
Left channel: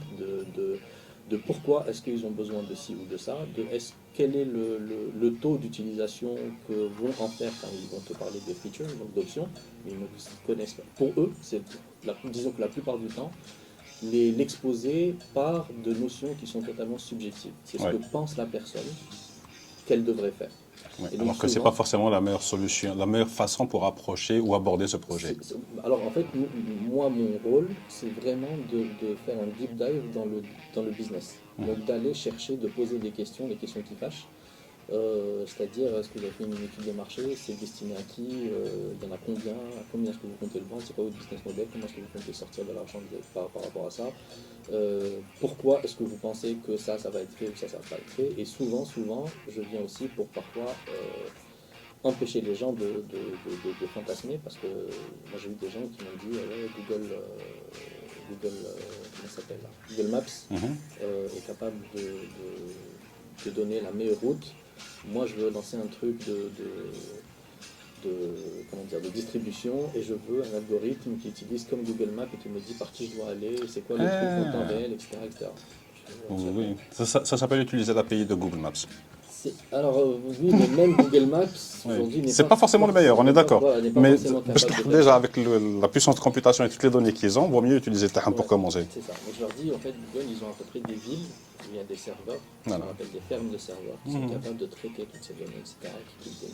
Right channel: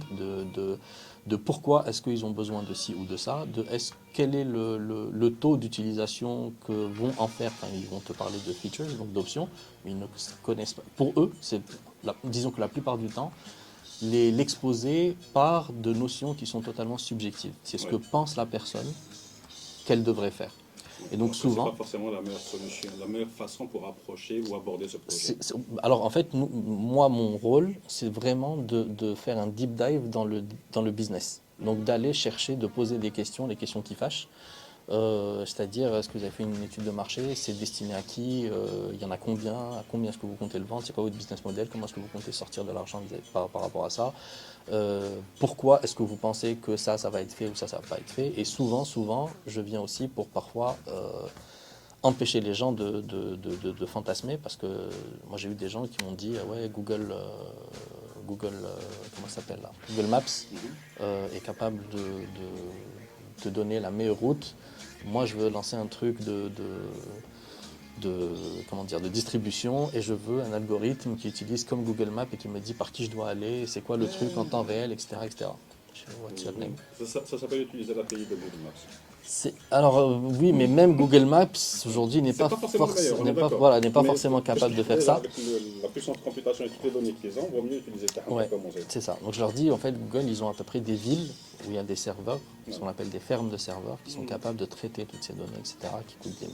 de pourquoi est-ce qu'ils ont besoin de ci ou de ça, quel est le taux d'utilisation que vont en faire. Enfin, ils vont te parler de features, donc d'options, mais ils ne connaissent pas. Pour eux, disons que la plupart du temps, l'exposé part de notions qui sont totalement subjectives. C'est ce que pense la personne qu'elle devrait faire. Et donc, alors que ce n'est pas forcément la meilleure solution, la meilleure façon pour approcher ou aborder ce projet. Alors en fait, moi, mon rôle, c'est vraiment de faire un deep dive dans le business. Donc d'aller chercher, de poser des questions, les questions qui fâchent. C'est-à-dire, est-ce que vous avez fait une étude de marché? C'est destiné à qui? Il y en a combien? À combien est-ce que vous comptez le vendre? C'est quoi votre business model? Comment est-ce que vous comptez sortir de l'argent par rapport à ça? Pourquoi est-ce que vous pensez que ça va être fait ou ça va pas être fait? Et souvent, je viens aussi pour parfois empêcher les gens de fantasmer, parce que moi j'ai eu des gens qui m'ont dit ouais, Google comment ça s'appelle là? Google Maps est capable de te donner la meilleure route. Moi, je veux lancer un truc de distribution et je veux un algorithme qui utilise comme Google Maps et qui me dit par qui je dois aller, c'est quoi le truc en temps réel, etc. etc. Oui. Ça s'appelle utiliser l'API de Google Maps. Alors oui, mais même Google Maps aujourd'hui n'est pas forcément le meilleur, on est d'accord. Voilà, n'est pas forcément capable de faire déjà, ça. avec la puissance de computation et toutes les données qu'ils ont, il vaut mieux utiliser Tahan pour commencer. C'est ça. Donc je leur dis, en fait, Google, ils ont à peu près des villes où il y a des serveurs, ce qu'on appelle des fermes de serveurs, qui sont capables de traiter toutes ces données, etc., qui coûtent des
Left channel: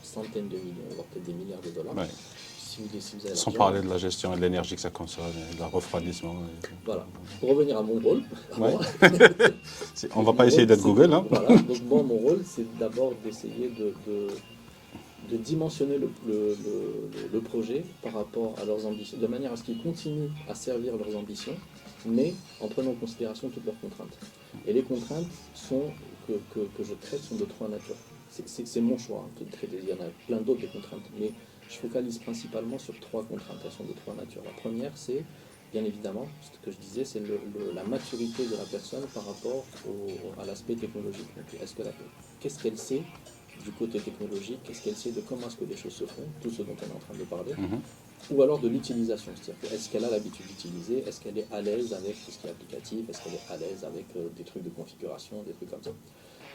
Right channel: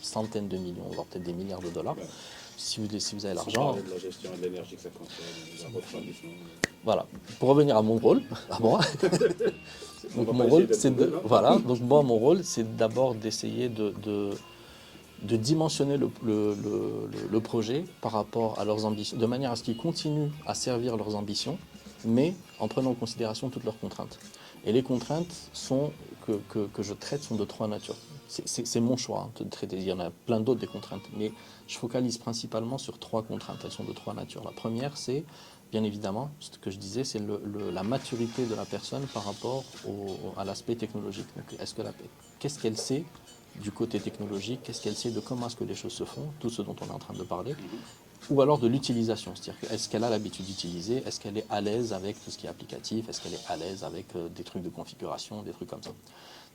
centaines de millions, voire peut-être des milliards de dollars. si vous avez Sans l'argent. parler de la gestion et de l'énergie que ça consomme, de la refroidissement. Voilà. Pour revenir à mon rôle, à moi, On ne va mon pas essayer rôle, d'être c'est Google. Hein. Voilà. Donc moi, mon rôle, c'est d'abord d'essayer de dimensionner le projet par rapport à leurs ambitions, de manière à ce qu'ils continuent à servir leurs ambitions, mais en prenant en considération toutes leurs contraintes. Et les contraintes que je traite sont de trois natures. C'est mon choix de traiter. Il y en a plein d'autres des contraintes, mais je focalise principalement sur trois contraintes. Elles sont de trois natures. La première, c'est bien évidemment, ce que je disais, c'est la maturité de la personne par rapport à l'aspect technologique. Qu'est-ce qu'elle sait du côté technologique, qu'est-ce qu'elle sait de comment est-ce que les choses se font, tout ce dont on est en train de parler, ou alors de l'utilisation, c'est-à-dire est-ce qu'elle a l'habitude d'utiliser, est-ce qu'elle est à l'aise avec tout ce qui est applicatif, est-ce qu'elle est à l'aise avec des trucs de configuration, des trucs comme ça.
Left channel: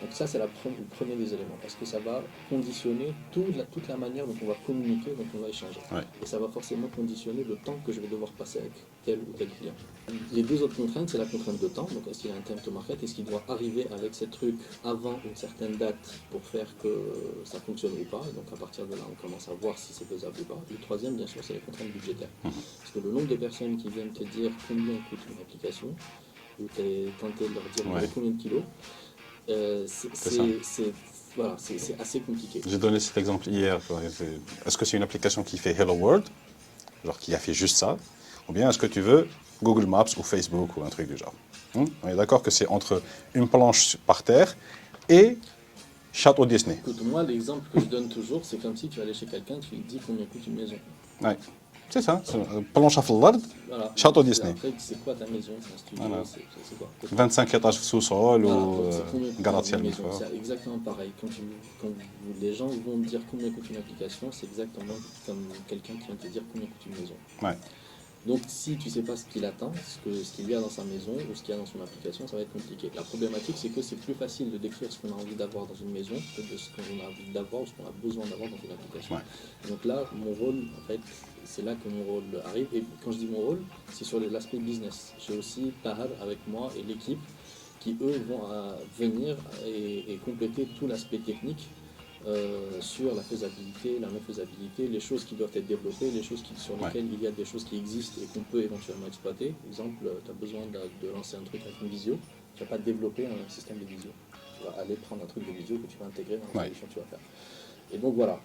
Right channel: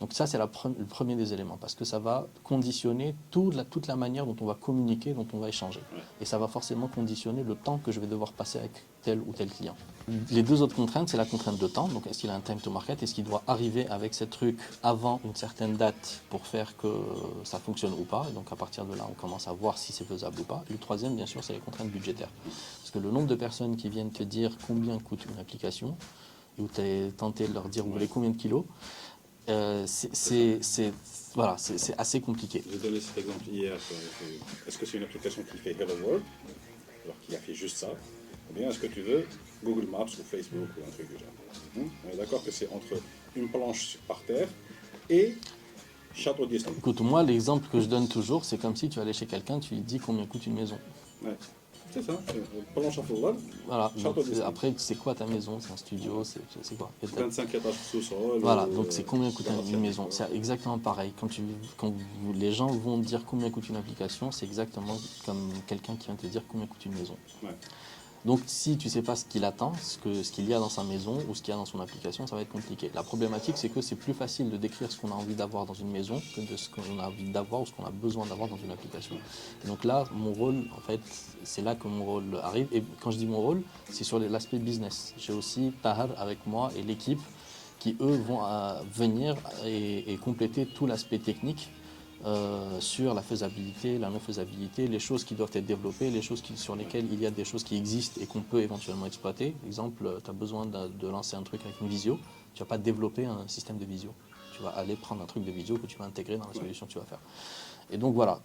Donc ça, c'est le premier des éléments, parce que ça va conditionner toute la manière dont on va communiquer, dont on va échanger. Ouais. Et ça va forcément conditionner le temps que je vais devoir passer avec tel ou tel client. Les deux autres contraintes, c'est la contrainte de temps. Donc est-ce qu'il a un time to market? Est-ce qu'il doit arriver avec ces trucs avant une certaine date pour faire que ça fonctionne ou pas? Donc à partir de là, on commence à voir si c'est faisable ou pas. Et le troisième, bien sûr, c'est les contraintes budgétaires. Parce que le nombre de personnes qui viennent te dire combien coûte une application, ou tu es tenté de leur dire combien de kilos, voilà, c'est assez compliqué. J'ai donné cet exemple hier. Est-ce que c'est une application qui fait Hello World, genre qui a fait juste ça, ou bien est-ce que tu veux Google Maps ou Facebook ou un truc du genre? On est d'accord que c'est entre une planche par terre et Château Disney. Écoute, moi, l'exemple que je donne toujours, c'est comme si tu allais chez quelqu'un, tu lui dis combien coûte une maison. Ouais. C'est ça, planche à flard, Voilà. Château Disney. Après, c'est quoi ta maison? C'est un studio, Voilà. c'est quoi? 25 étages sous-sol Voilà, ou donc c'est combien coûte gratte-ciel. une maison? C'est exactement pareil. Quand les gens vont te dire combien coûte une application, c'est exactement comme quelqu'un qui vient te dire combien coûte une maison. Ouais. Donc si tu ne sais pas ce qu'il attend, ce qu'il y a dans sa maison ou ce qu'il y a dans son application, ça va être compliqué. La problématique, c'est que c'est plus facile de décrire ce qu'on a envie d'avoir dans une maison que de ce qu'on a envie d'avoir ou ce qu'on a besoin d'avoir dans une application. Ouais. Donc là, mon rôle, en fait, c'est là que mon rôle arrive. Et quand je dis mon rôle, c'est sur l'aspect business. J'ai aussi Tahar avec moi et l'équipe qui, eux, vont venir et compléter tout l'aspect technique sur la faisabilité, la non-faisabilité, les choses qui doivent être développées, les choses sur lesquelles il y a des choses qui existent et qu'on peut éventuellement exploiter. Par exemple, tu as besoin de lancer un truc avec une visio, tu ne vas pas développer un système de visio. Tu vas aller prendre un truc de visio que tu vas intégrer dans la solution que tu vas faire. Et donc voilà,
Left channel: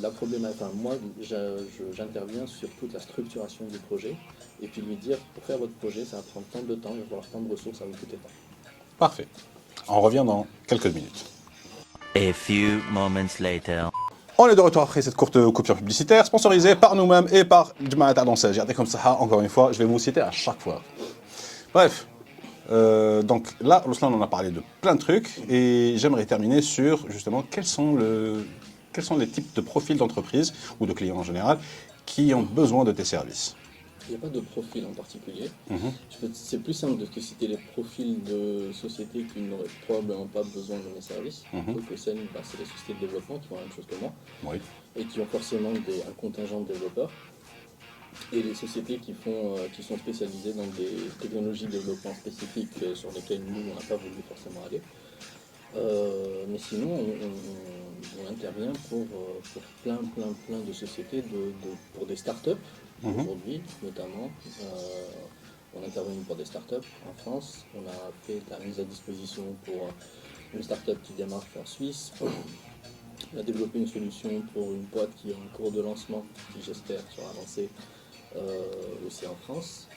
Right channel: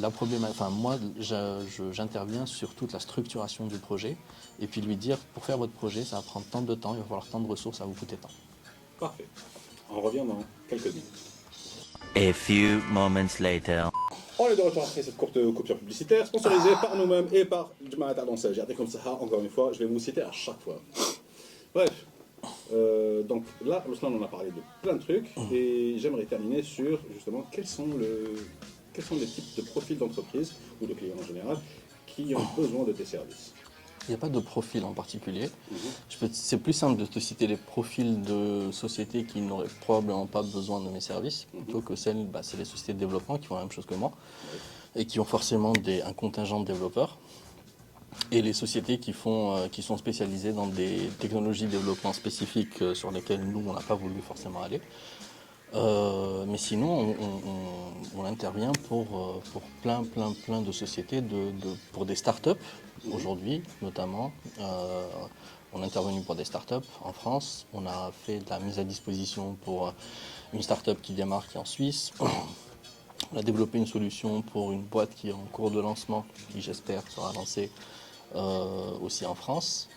la problématique, enfin, moi j'interviens sur toute la structuration du projet et puis lui dire, pour faire votre projet, ça va prendre tant de temps, il va falloir tant de ressources, ça va vous coûter tant. Parfait. On revient dans quelques minutes. A few moments later. On est de retour après cette courte coupure publicitaire sponsorisée par nous-mêmes et par Jamaat Al-Ansar. Regardez comme ça, encore une fois, je vais vous citer à chaque fois. Bref, donc là, Ruslan en a parlé de plein de trucs et j'aimerais terminer sur justement quels sont les types de profils d'entreprise ou de clients en général qui ont besoin de tes services. Il n'y a pas de profil en particulier. C'est plus simple de te citer les profils de sociétés qui n'auraient probablement pas besoin de mes services, plutôt que celles, c'est les sociétés de développement qui font la même chose que moi, et qui ont forcément un contingent de développeurs, et les sociétés qui sont spécialisées dans des technologies de développement spécifiques sur lesquelles nous, on n'a pas voulu forcément aller. Mais sinon, on intervient pour plein de sociétés, pour des startups. Aujourd'hui, notamment, on est intervenu pour des startups en France. On a fait de la mise à disposition pour une startup qui démarre en Suisse. On a développé une solution pour une boîte qui est en cours de lancement, qui j'espère sera lancée aussi en France.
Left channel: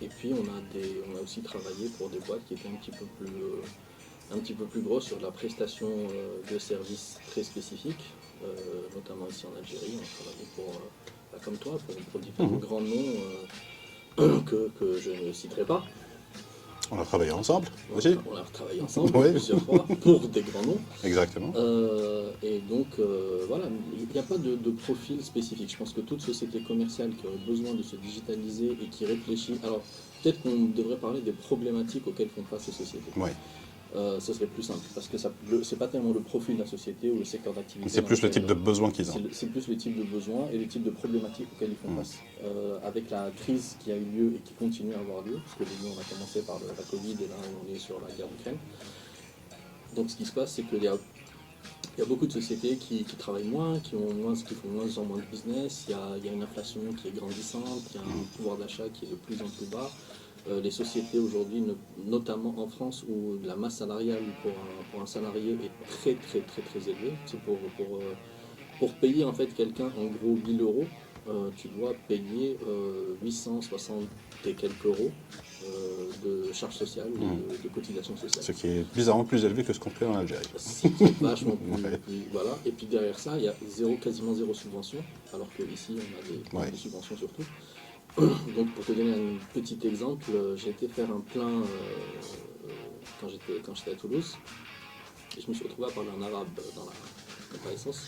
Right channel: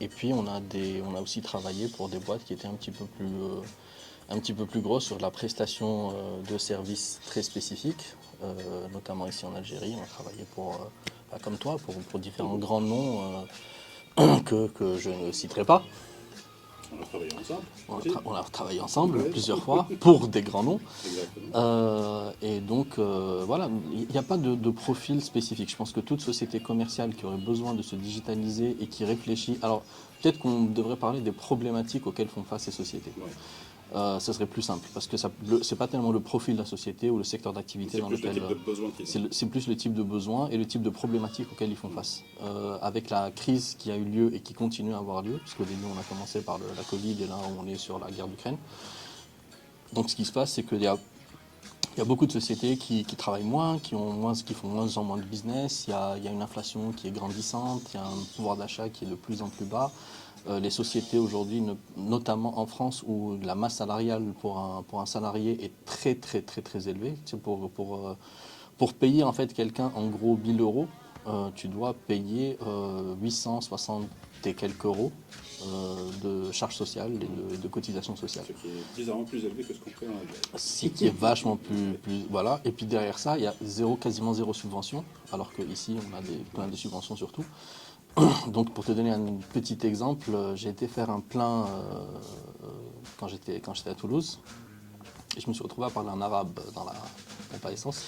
Et puis on a aussi travaillé pour des boîtes qui étaient un petit peu plus grosses sur la prestation de services très spécifiques, notamment ici en Algérie. On a travaillé comme toi, pour différents grands noms que je ne citerai pas. On a travaillé ensemble aussi. On a travaillé ensemble plusieurs fois pour des grands noms. Exactement. Et donc, voilà, il n'y a pas de profil spécifique. Je pense que toute société commerciale qui aurait besoin de se digitaliser et qui réfléchit... Alors, peut-être qu'on devrait parler des problématiques auxquelles font face ces sociétés. Oui. Ce serait plus simple, parce que c'est pas tellement le profil de la société ou le secteur d'activité. C'est plus le type de besoin qu'ils ont. C'est plus le type de besoin et le type de problématiques auxquelles ils font face. Avec la crise qui a eu lieu et qui continue à avoir lieu, parce qu'au début on a commencé par la Covid et là on est sur la guerre d'Ukraine. Donc ce qui se passe, c'est qu'il y a Il y a beaucoup de sociétés qui travaillent moins, qui font moins de business. Il y a une inflation qui est grandissante, il y a un pouvoir d'achat qui est de plus en plus bas. Les sociétés aujourd'hui, notamment en France, où la masse salariale pour un salarié est très très très très élevée. C'est pour payer en fait quelqu'un en gros 1000 euros, tu dois payer 860 et quelques euros de charges sociales et de cotisations sociales. Ce qui est bizarrement plus élevé que ce qu'on fait en Algérie. Ce qui est vachement plus. Voilà. Et puis derrière ça, il y a quasiment zéro subvention, alors qu'ici, on a des problèmes de subvention surtout. Donc pour te donner un petit exemple, j'ai été faire un plein quand j'étais à Toulouse. Et je me suis retrouvé à parler en arabe dans la pompe à essence.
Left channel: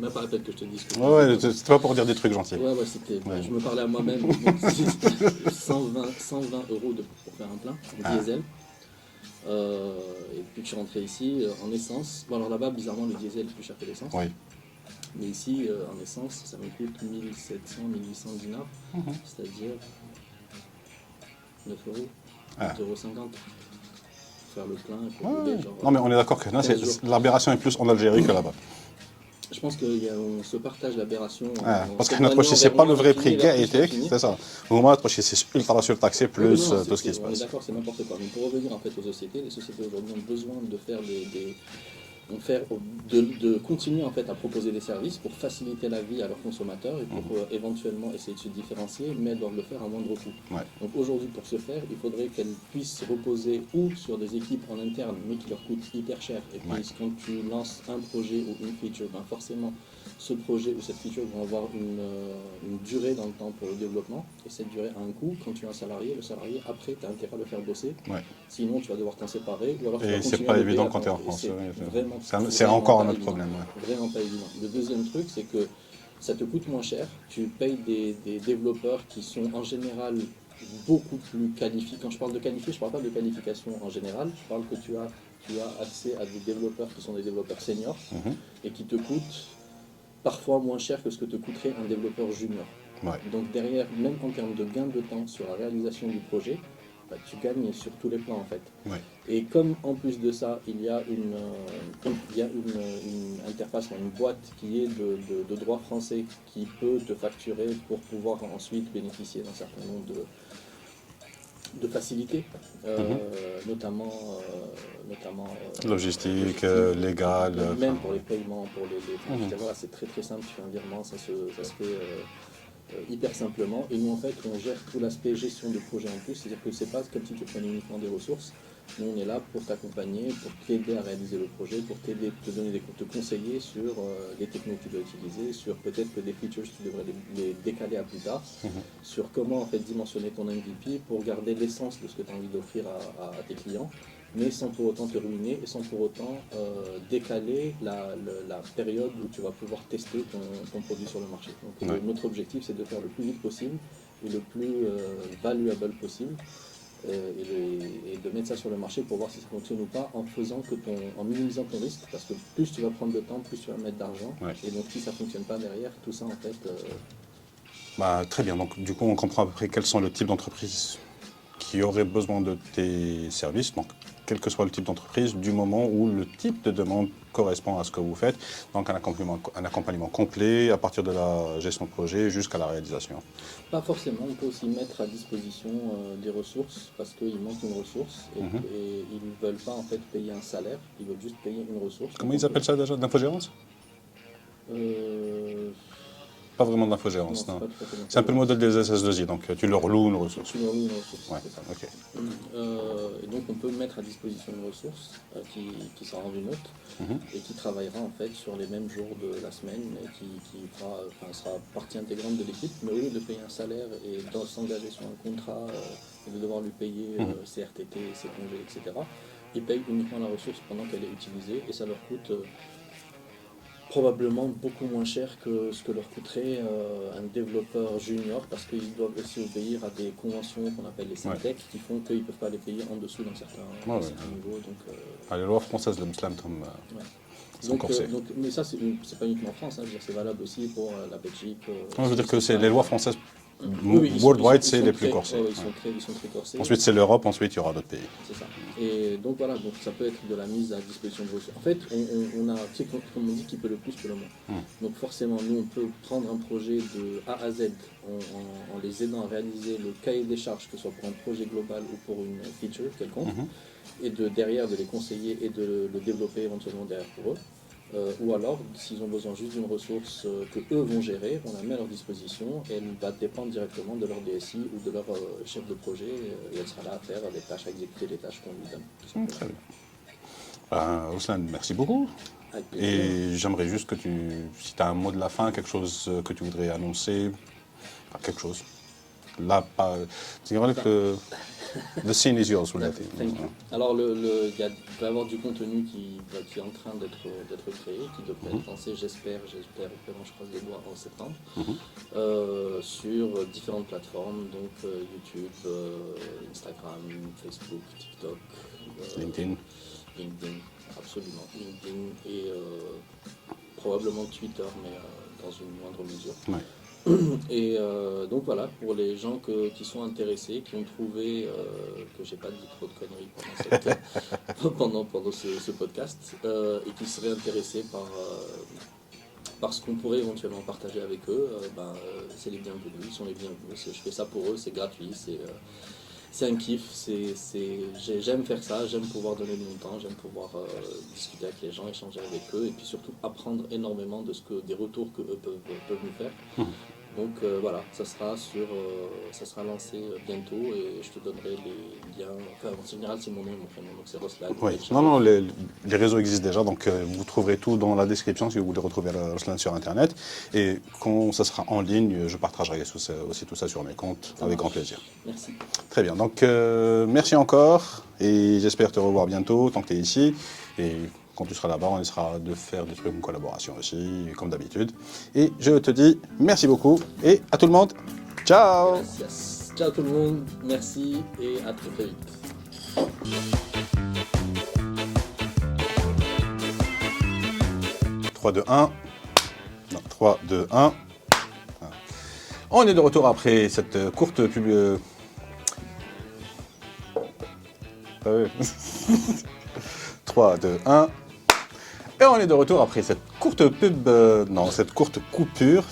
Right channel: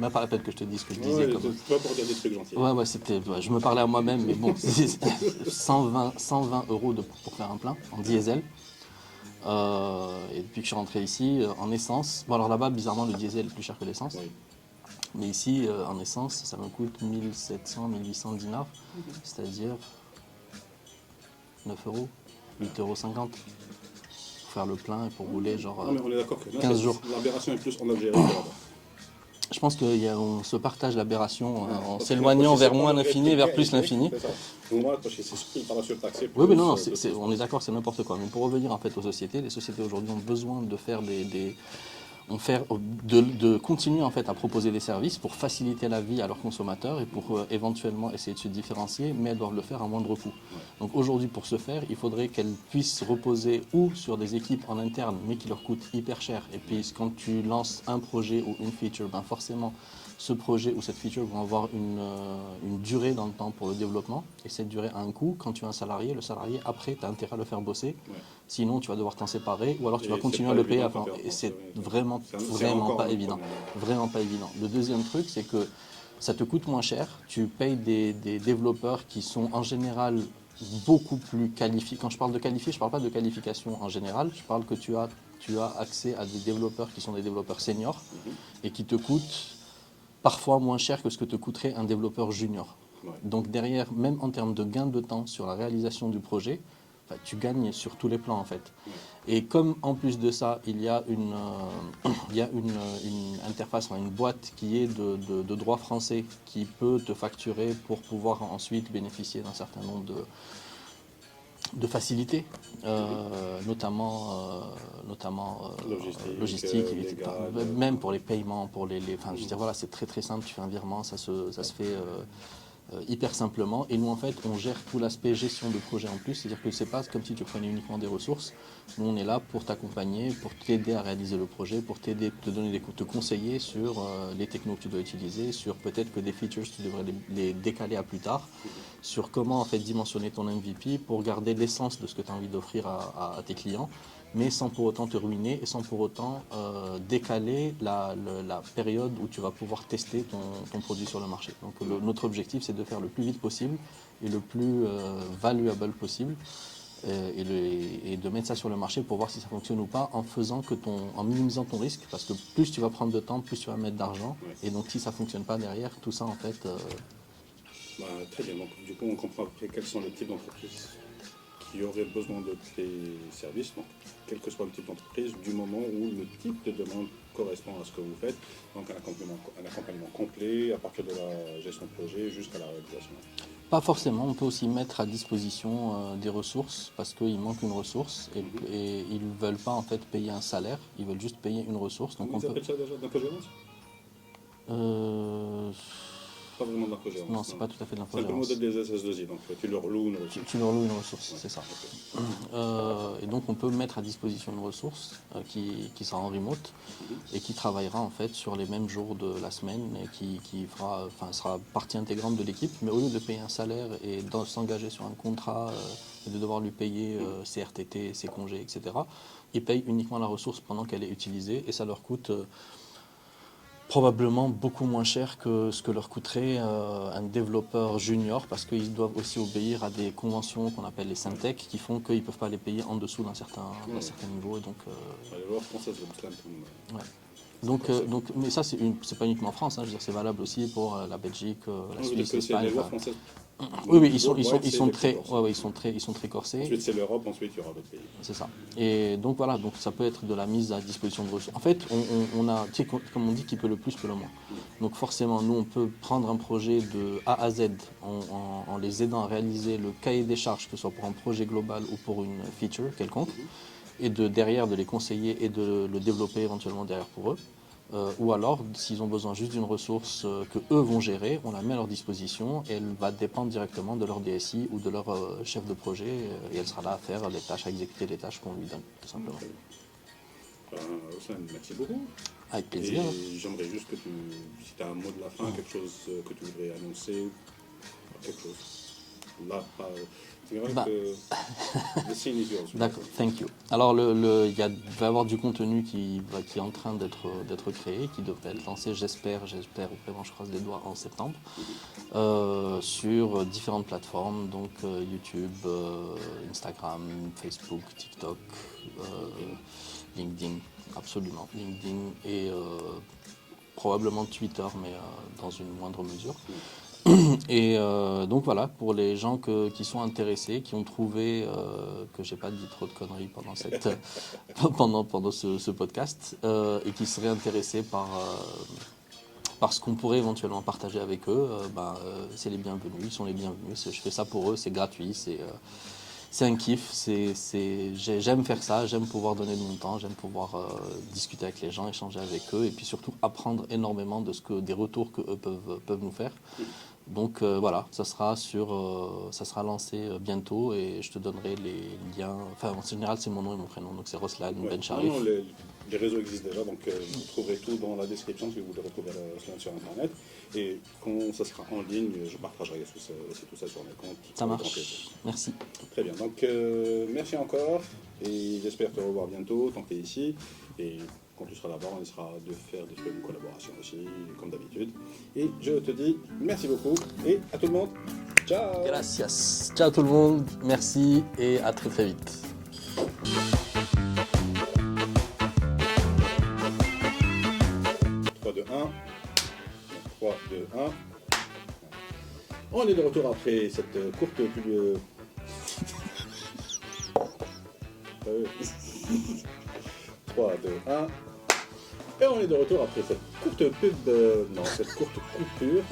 Même pas la peine que je te dise que Ouais, c'est pas pour dire des trucs gentils. Ouais, c'était. Je me parlais à moi-même. Mais bon, c'était 120 euros pour faire un plein en diesel. Et depuis que je suis rentré ici, en essence. Bon, alors là-bas, bizarrement, le diesel est plus cher que l'essence. Oui. Mais ici, en essence, ça me coûte 1700, 1800 dinars, c'est-à-dire 9 euros, 8,50 € pour faire le plein et pour rouler. Genre, non, mais on est d'accord que là, l'aberration est plus en Algérie que là-bas. Je pense qu'on se partage l'aberration en parce que s'éloignant c'est vers pas moins le vrai l'infini, prix vers plus l'infini. c'est ça. Au moins, c'est ultra surtaxé plus Oui, non, tout ce qui se on est passe. d'accord, c'est n'importe quoi. Mais pour revenir en fait aux sociétés, les sociétés aujourd'hui ont besoin de faire de continuer en fait à proposer des services pour faciliter la vie à leurs consommateurs et pour éventuellement essayer de se différencier, mais elles doivent le faire à moindre coût. Ouais. Donc aujourd'hui, pour ce faire, il faudrait qu'elles puissent reposer ou sur des équipes en interne, mais qui leur coûtent hyper cher. Et puis quand tu lances un projet ou une feature, ben forcément ce projet ou cette feature vont avoir une durée dans le temps pour le développement, et cette durée a un coût. Quand tu es un salarié, le salarié après tu as intérêt à le faire bosser, sinon tu vas devoir t'en séparer ou alors tu vas continuer à le payer. C'est vraiment c'est encore un autre problème. Vraiment pas évident. Le deuxième truc, c'est que ça te coûte moins cher. Tu payes des développeurs qui sont en général beaucoup plus qualifiés. Quand je parle de qualifiés, je ne parle pas de qualification en général. Je parle que tu as accès à des développeurs qui sont des développeurs seniors et qui te coûtent parfois moins cher que ce que te coûterait un développeur junior. Ouais. Donc derrière, même en termes de gain de temps sur la réalisation du projet, tu gagnes sur tous les plans en fait. Ouais. Et comme en plus de ça, il y a une interface, une boîte qui est de droit français qui peut te facturer pour pouvoir ensuite bénéficier d'un certain nombre de facilités, notamment logistique, légale. Même pour les paiements, pour je veux dire, voilà, c'est très très simple, tu fais un virement, ça se fait hyper simplement. Et nous en fait on gère tout l'aspect gestion de projet en plus, c'est-à-dire que c'est pas comme si tu prenais uniquement des ressources. Nous on est là pour t'accompagner, pour t'aider à réaliser le projet, pour t'aider, te conseiller sur les technos que tu dois utiliser, sur peut-être que des features tu devrais les décaler à plus tard, sur comment en fait dimensionner ton MVP pour garder l'essence de ce que tu as envie d'offrir à tes clients, mais sans pour autant te ruiner et sans pour autant décaler la période où tu vas pouvoir tester ton produit sur le marché. Donc notre objectif, c'est de faire le plus vite possible et le plus valuable possible et de mettre ça sur le marché pour voir si ça fonctionne ou pas en minimisant ton risque, parce que plus tu vas prendre de temps, plus tu vas mettre d'argent. Et donc si ça ne fonctionne pas derrière, tout ça en fait... Très bien, donc du coup on comprend à peu près quels sont les types d'entreprises qui auraient besoin de tes services, donc quel que soit le type d'entreprise, du moment où le type de demande correspond à ce que vous faites, donc un accompagnement complet à partir de la gestion de projet jusqu'à la réalisation. Pas forcément, on peut aussi mettre à disposition des ressources parce qu'il manque une ressource et ils ne veulent pas en fait payer un salaire, ils veulent juste payer une ressource. Comment ils appellent ça déjà, de l'infogérance? Pas vraiment de l'infogérance, non. C'est un peu le modèle des SS2I, donc tu leur loues une ressource. Tu leur loues une ressource, c'est ça. Okay. Et donc on peut mettre à disposition une ressource qui sera en remote et qui travaillera en fait sur les mêmes jours de la semaine et qui sera partie intégrante de l'équipe, mais au lieu de payer un salaire et de s'engager sur un contrat et de devoir lui payer ses RTT, ses congés, etc., ils payent uniquement la ressource pendant qu'elle est utilisée et ça leur coûte... probablement beaucoup moins cher que ce que leur coûterait un développeur junior parce qu'ils doivent aussi obéir à des conventions qu'on appelle les Syntec qui font qu'ils ne peuvent pas les payer en dessous d'un certain niveau. Donc, les lois françaises, le Muslim, mais ça, c'est pas uniquement en France, hein, c'est valable aussi pour la Belgique. Je veux dire que c'est les lois françaises Oui, ils sont Worldwide, c'est les très, plus corsés. ouais, ouais, ils sont très corsés. Ensuite, c'est l'Europe, ensuite, il y aura d'autres pays. C'est ça. Et donc voilà, donc ça peut être de la mise à disposition de ressources. En fait, on a, tu sais, comme on dit, qui peut le plus peut le moins. Donc forcément, nous, on peut prendre un projet de A à Z en les aidant à réaliser le cahier des charges, que ce soit pour un projet global ou pour une feature quelconque, et derrière de les conseiller et de le développer éventuellement derrière pour eux. Ou alors, s'ils ont besoin juste d'une ressource que eux vont gérer, on la met à leur disposition et elle va dépendre directement de leur DSI ou de leur chef de projet et elle sera là à faire les tâches, à exécuter les tâches qu'on lui donne. Tout simplement. Très bien. Ruslan, merci beaucoup. Avec plaisir. Et j'aimerais juste que si tu as un mot de la fin, quelque chose que tu voudrais annoncer, enfin, quelque chose. Là, pas. C'est vrai que the scene is yours. D'accord, thank you. Alors, il va y avoir du contenu qui est en train d'être créé, qui devrait être lancé, j'espère, vraiment, je croise les doigts, en septembre, sur différentes plateformes, donc YouTube, Instagram, Facebook, TikTok, LinkedIn, absolument, LinkedIn et probablement Twitter, mais dans une moindre mesure. Ouais. Et donc voilà, pour les gens qui sont intéressés, qui ont trouvé que j'ai pas dit trop de conneries pendant ce podcast et qui seraient intéressés par ce qu'on pourrait éventuellement partager avec eux, c'est les bienvenus, ils sont les bienvenus. Je fais ça pour eux, c'est gratuit, c'est un kiff, j'aime faire ça, j'aime pouvoir donner de mon temps, j'aime pouvoir discuter avec les gens, échanger avec eux et puis surtout apprendre énormément des retours qu'eux peuvent nous faire. Donc voilà, ça sera lancé bientôt et je te donnerai les liens. Enfin, en général, c'est mon nom et mon prénom, donc c'est Ruslan. Oui. Non, les réseaux existent déjà, donc vous trouverez tout dans la description si vous voulez retrouver Ruslan sur Internet. Et quand ça sera en ligne, je partagerai aussi tout ça sur mes comptes avec grand plaisir. Merci. Très bien, donc merci encore et j'espère te revoir bientôt tant que tu es ici. Et quand tu seras là-bas, on essaiera de faire des trucs en collaboration aussi, comme d'habitude. Et je te dis merci beaucoup et à tout le monde, ciao. Gracias. Ciao tout le monde, merci et à très très vite. 3, 2, 1. Non, 3, 2, 1. On est de retour après cette courte pub. Ah oui. 3, 2, 1. Et on est de retour après cette courte pub. Non, cette courte coupure.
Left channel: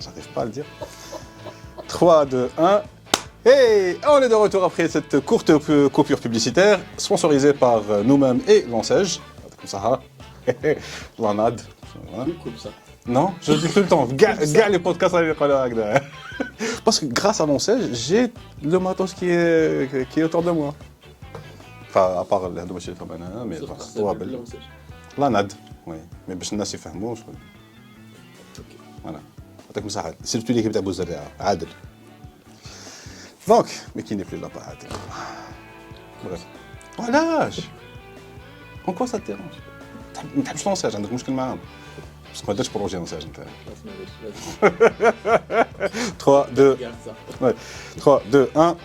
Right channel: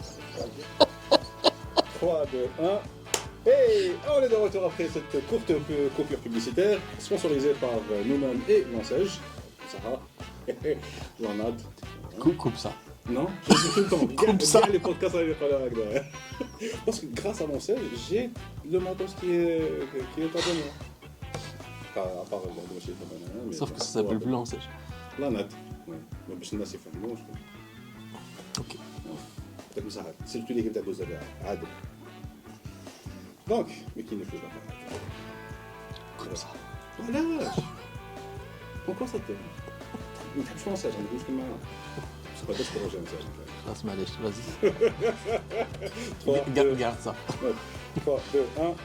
J'arrive pas à le dire. 3, 2, 1. Et on est de retour après cette courte coupure publicitaire, sponsorisée par nous-mêmes et Lancège. Comme ça, Lanad. Coupe ça. Non, je le dis tout le temps. Gars, les podcasts avec le parce que grâce à Lancège, j'ai le matos qui est autour de moi. Enfin, à part le dossier comme un, mais Sauf que voilà, ça pour s'appelle rappel. Lancège. Lanad, oui. Mais باش الناس يفهموا شوي. Voilà. يعطيك مساحة. سيرتو ليكيب تاع بوزريعة عادل. Donc, mais qui n'est plus là, pas عادل. علاش؟ Pourquoi ça te dérange؟ ما تحبش لونساج، عندك مشكل معاهم. باسكو ما درتش بروجي لونساج انت. Vas-y, 3, 2, garde ça. ouais. 3, 2, 1.